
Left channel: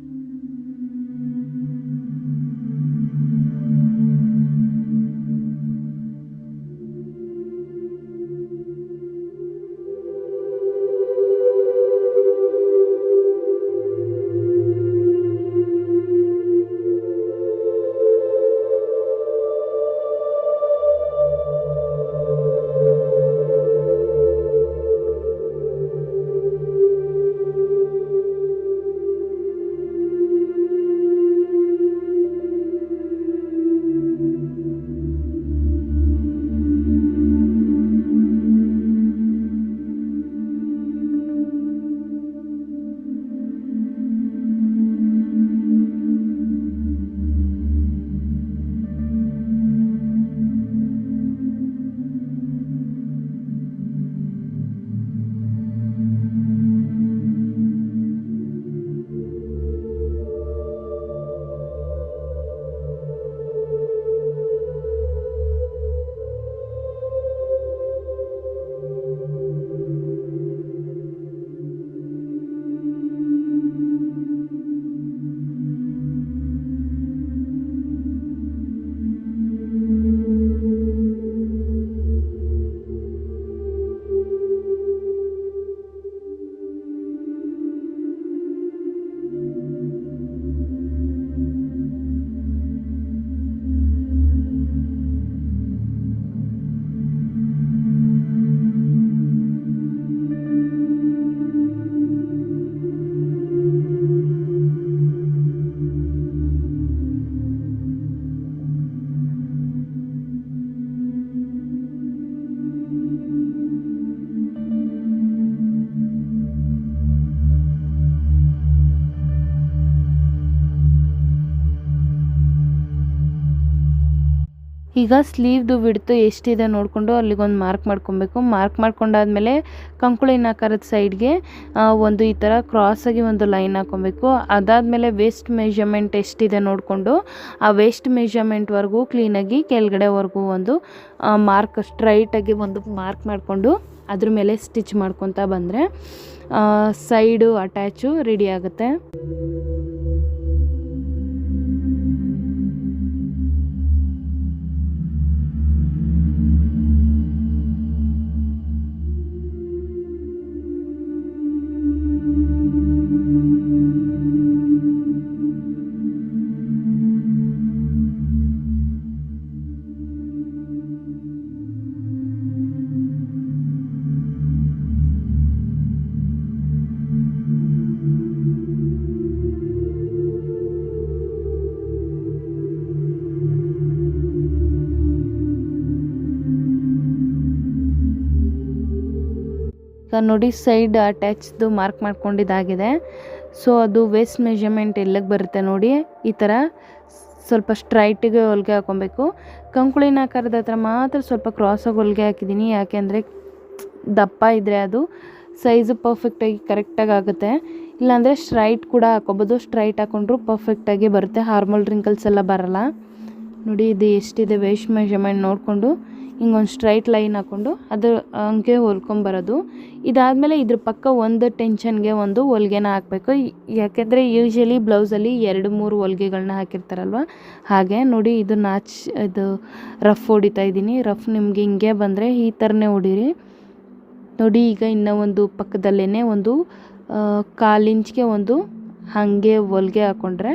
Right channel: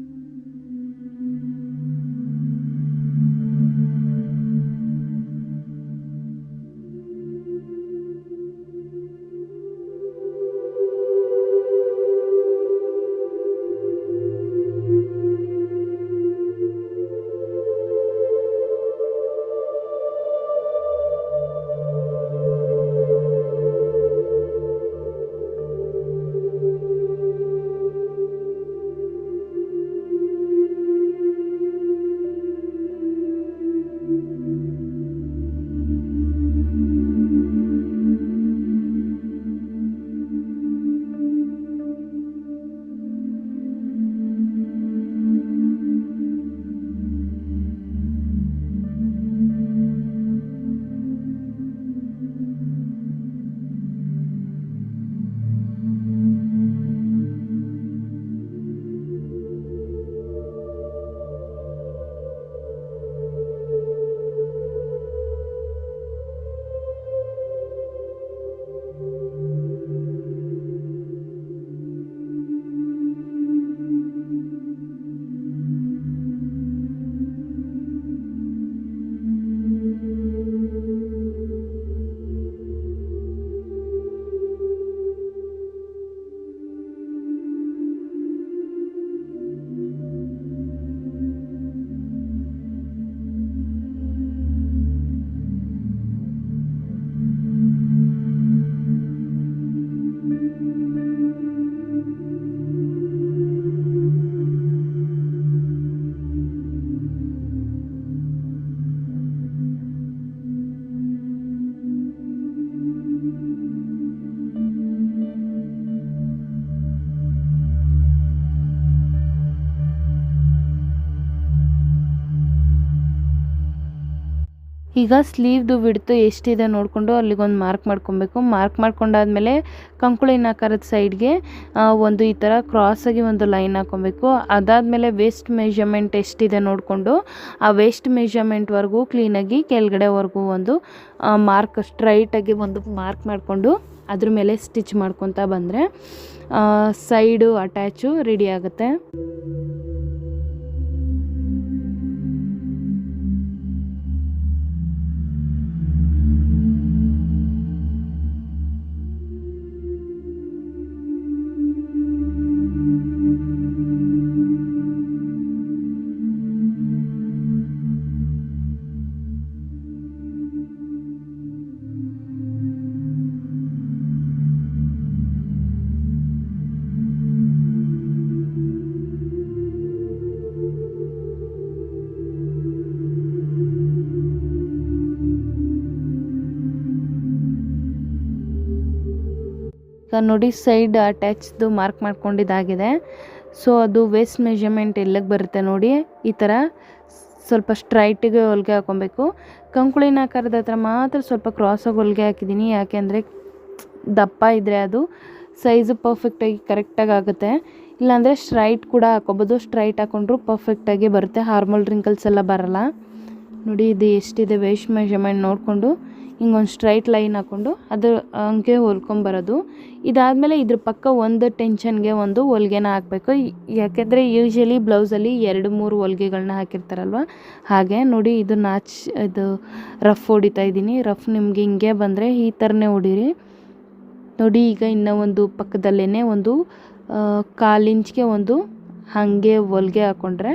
ಈಗ ಸ್ಲೀವ್ದು ವಿಡ್ತು ಎಷ್ಟಿದೆ ನೋಡಿಕೊಂಡು ಅಲ್ಲಿಗೊಂದು ಮಾರ್ಕ್ ಮಾಡ್ಕೊಬೇಕು. ಮಾರ್ಕ್ ಮಾಡ್ಕೊಂಡಾದ್ಮೇಲೆ ಕಂಕುಳಿನ ಆಕಾರದ ಸೈಡ್ಗೆ ಒಂದು ಈ ಥರ ಕ್ರಾಸಾಗಿ ಒಂದು ಲೈನ್ ಹಾಕ್ಕೊಬೇಕು. ಅದಾದಮೇಲೆ ವೇಸ್ಟ್ ಮೆಜರ್ಮೆಂಟ್ ಎಷ್ಟಿದೆ ನೋಡಿಕೊಂಡು ಆ ವೇಸ್ಟ್ ಮೆಜರ್ಮೆಂಟ್ವರೆಗೂ ಕ್ಲೀನಾಗಿ ಕೆಳಗಡೆವರೆಗೂ ಒಂದು ಮಾರ್ಕ್ ಸ್ಟ್ರೈಟಾಗಿ ಒಂದು ಮಾರ್ಕ್ ಮಾಡಿಕೊಂಡು ಅದ್ರ ಮೇಲೆ ಸ್ಟಿಚ್ ಮಾಡ್ಕೊತಾ ಬಂದರೆ ಸೈಡು ಅಟ್ಯಾಚು ರೆಡಿ ಆಗುತ್ತೆ. ನೋಡಿ ಸೈಡ್ ಅಟ್ಯಾಚ್ದು ಮಾರ್ಕ್ ಮಾಡ್ಕೊಂಡಿದ್ದಾಗಿದೆ. ಸೊ ಅದು ವೇಸ್ಟ್ ಮೆಜರ್ಮೆಂಟ್ ಎಲ್ಲಿಗೆ ಬರುತ್ತೆ ನೋಡಿ, ಈ ಥರ ಸ್ವಲ್ಪ ಸ್ಟ್ರೈಟಿಗೆ ಹೊಲಿಗೆ ಹಾಕೊಬೇಕು. ಕಂಕುಳಿನ ಆಕಾರದ ಹತ್ರ ಮಾತ್ರ ಸ್ವಲ್ಪ ಕ್ರಾಸಾಗಿ ಹೊಲಿಗೆ ಹಾಕಿದ್ದೀನಿ, ಯಾಕೆಂದರೆ ದಪ್ಪ ಇದ್ದರೆ ಅದು ಸೈಜು ಪರ್ಫೆಕ್ಟಾಗಿ ಕರೆಕ್ಟಾಗಿ ಆಗುತ್ತೆ. ಇಲ್ಲಾಂದರೆ ಸ್ಟ್ರೈಟ್ ಕೂಡ ಹಾಕೋಬೋದು, ಸ್ಟ್ರೈಟ್ ಹಾಕೊಂಡ್ರು ಪರ್ಫೆಕ್ಟಾಗಿ ಬರುತ್ತೆ, ಹಾರ್ಮೋಲ್ ರಿಂಕಲ್ಸ್ ಎಲ್ಲ ಬರಲ್ಲ. ನೋಡಿ ಇದು ಎಷ್ಟಿದೆ ವೇಸ್ಟ್ ಮೆಜರ್ಮೆಂಟ್ ನೋಡಿಕೊಂಡು ಹಿಂಗೊಂದು ಸ್ಟ್ರೈಟ್ ಲೈನ್ ಹಾಕ್ಕೊಂಡು ಅದು ಹಂಗೆ ಹೊಲ್ಕೊಂಬರೋದು. ಇದಾದಮೇಲೆ ಇದ್ರ ಪಕ್ಕ ಒಂದು ಟೆನ್ಷನ್ಗೆ ಒಂದು ಹೊಲ್ಗೆನ ಹಾಕಬೇಕು, ಯಾಕೆಂದರೆ ಯೂಶ್ವಲಿ ಬ್ಲೌಸಲ್ಲಿ 2-3 ಹೊಲ್ಗೆಗಳನ್ನ ಹಾಕಿರ್ತಾರಲ್ವ, ಹಾಗೆ ನೋಡಿ ಇದು ಇದು ರಫ್ ಹೊಡಿತಾ ಇದ್ದೀನಿ. ರಫ್ ನಿಮಗೆ ಹಿಂಗೆ ಬಂದರೆ ಈ ಥರನೇ ಹೊಡೀರಿ. ನೋಡಿ ಈಗ ಇನ್ನೂ ಒಂದು ಪಕ್ಕದಲ್ಲೇ ಒಂದು 1/4 ಇಂಚ್ಗೆ ಒಂದು ಹಾಗೆ ಹೊಲ್ಗೆ ಹಾಕ್ಕೊಂಡ್ರೆ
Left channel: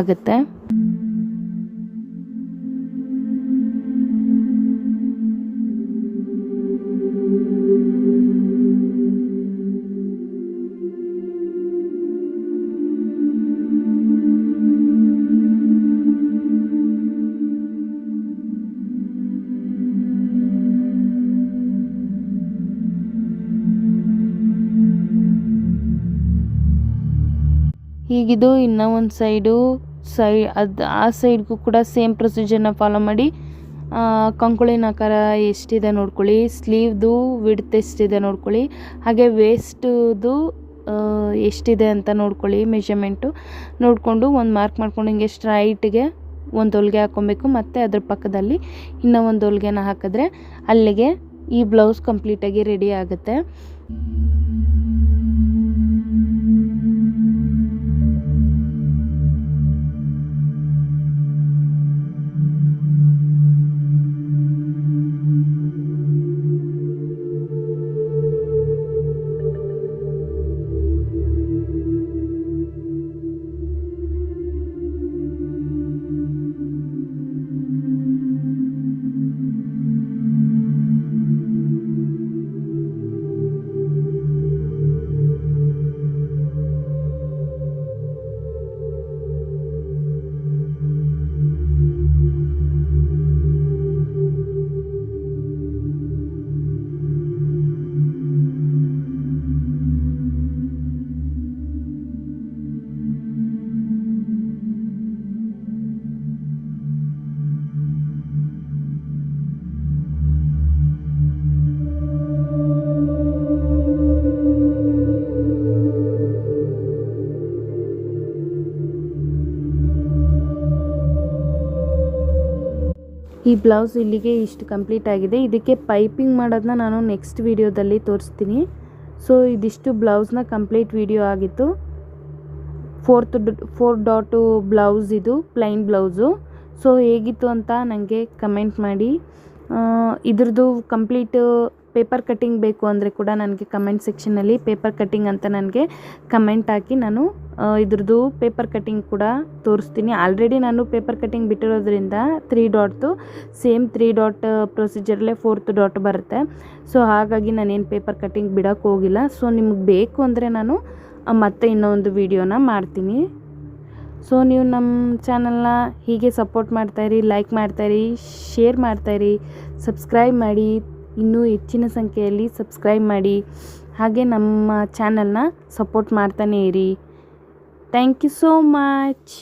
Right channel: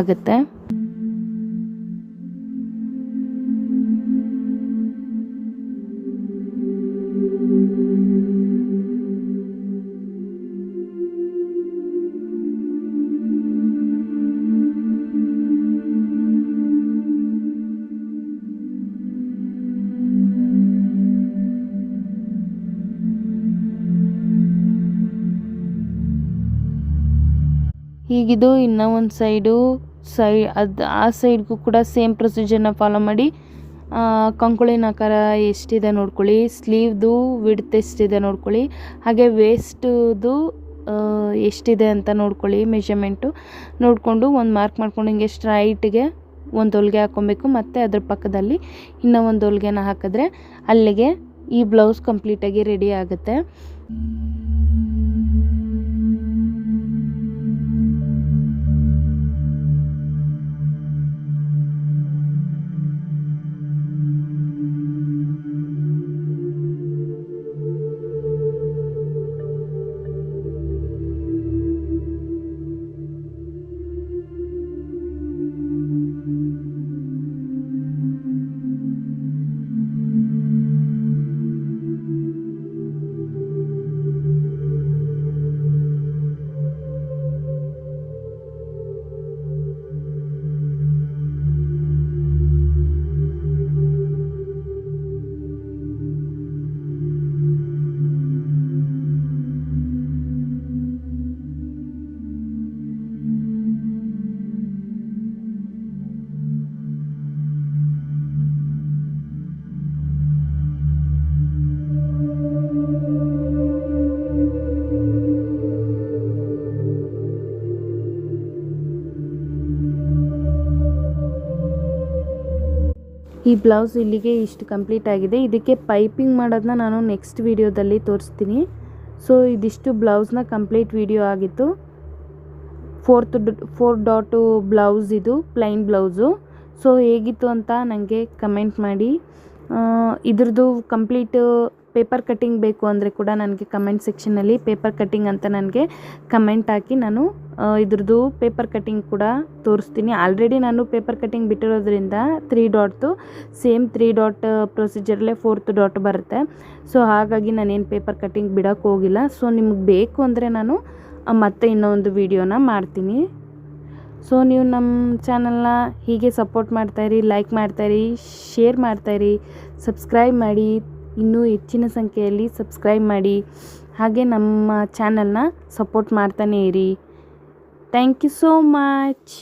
ಆಗುತ್ತೆ. ಹೀಗಿದು ಇನ್ನೂ ಒಂದು ಅದು ಆ ಸೈಡ್ಗೂ ಕೂಡ ಸೇಮ್ ಪ್ರೊಸೀಜರ್ನ ಫಾಲೋ ಮಾಡಿ ಕಂಕುಳಿನ ಆಕಾರ ಎಷ್ಟಿದೆ ನೋಡ್ಕೊಳ್ಳಿ, ಸ್ಲೀವ್ದು ವಿಡ್ತ್ ಎಷ್ಟಿದೆ ನೋಡ್ಕೊಳ್ಳಿ, ಹಾಗೆ ವೇಸ್ಟ್ದು ಎಷ್ಟಿದೆ ಅಂತ ನೋಡ್ಕೊಳ್ಳಿ. ಮೆಷರ್ಮೆಂಟು ನೋಡಿಕೊಂಡು ಒಂದು ಮಾರ್ಕ್ ಮಾಡ್ಕೊಂಡು ಹಿಂಗೆ ಸ್ಟ್ರೈಟ್ಗೆ ಒಂದು ಹೊಲಿಗೆ ಹಾಕ್ಕೊಬೇಕು. ಮತ್ತು ಅದ್ರ ಪಕ್ಕದಲ್ಲಿ ಇನ್ನೂ ಒಂದು ಹೊಲಿಗೆನ ಹಾಕಿದ್ರೆ ಅಲ್ಲಿಗೆ ಈ ಬ್ಲೌಸ್ ಕಂಪ್ಲೀಟಾಗಿ ರೆಡಿ ಆಗುತ್ತೆ. ಈ ಬ್ಲೌಸ್ ಇಲ್ಲಿಗೆ ಇಷ್ಟು ಕಂಪ್ಲೀಟ್ ಆಗಿದೆ. ಇದಕ್ಕೆ ಪೈಪಿಂಗ್ ಮಾಡೋದನ್ನ ನಾನು ನೆಕ್ಸ್ಟ್ ವಿಡಿಯೋದಲ್ಲಿ ತೋರಿಸ್ತೀನಿ. ಸೊ ಇದಿಷ್ಟು ಬ್ಲೌಸ್ನ ಕಂಪ್ಲೀಟ್ ವಿಡಿಯೋ ಆಗಿತ್ತು. 4 ಡಾಟು ಬ್ಲೌಸ್, ಇದು ಪ್ಲೈನ್ ಬ್ಲೌಸು. ಸೊ ಹೇಗಿತ್ತು ಅಂತ ನನಗೆ ಕಮೆಂಟ್ ಮಾಡಿ. ಇದ್ರದ್ದು ಕಂಪ್ಲೀಟ್ ಪೇಪರ್ ಕಟ್ಟಿಂಗ್ ಬೇಕು ಅಂದರೆ ಕೂಡ ನನಗೆ ಕಮೆಂಟ್ ಸೆಕ್ಷನಲ್ಲಿ ಪೇಪರ್ ಕಟ್ಟಿಂಗ್ ಅಂತ ನನಗೆ ಕಮೆಂಟ್ ಹಾಕಿ ನಾನು ಇದ್ರದ್ದು ಪೇಪರ್ ಕಟ್ಟಿಂಗ್ ಕೂಡ ತೋರಿಸ್ತೀನಿ. ಆಲ್ರೆಡಿ ನಾನು ಪೇಪರ್ ಕಟ್ಟಿಂಗ್ ಬಿಟ್ಟಿರೋದ್ರಿಂದ 3 ಡಾಟ್ದು ಸೇಮ್ 3 ಡಾಟ್ ಪ್ರೊಸೀಜರಲ್ಲೇ 4th ಡಾಟ್ ಬರುತ್ತೆ. ಸೊ ಹಾಗಾಗಿ ನಾನೇನು ಪೇಪರ್ ಕಟ್ಟಿಂಗ್ ಬಿಡೋಕ್ಕೆ ಹೋಗಿಲ್ಲ. ಸೊ ನಿಮಗೆ ಬೇಕು ಅಂದರೆ ನಾನು ಮತ್ತೆ ಇನ್ನೊಂದು ವಿಡಿಯೋನ ಮಾಡ್ತೀನಿ. ಸೊ ನೀವು ನಮ್ಮ ಚಾನಲ್ನ ಹೀಗೆ ಸಪೋರ್ಟ್ ಮಾಡ್ತಾಯಿರಿ, ಲೈಕ್ ಮಾಡ್ತಾಯಿರಿ, ಶೇರ್ ಮಾಡ್ತಾಯಿರಿ, ಸಬ್ಸ್ಕ್ರೈಬ್ ಮಾಡಿ. ಇನ್ನೂ ಹೆಚ್ಚಿನ ಸಂಖ್ಯೆಯಲ್ಲಿ ಸಬ್ಸ್ಕ್ರೈಬ್ ಮಾಡಿ. ಹಾಗೆ ನಮ್ಮ ಚಾನಲ್ನ ಸಪೋರ್ಟ್ ಮಾಡ್ತಾನೇ ಇರಿ. Thank you so much.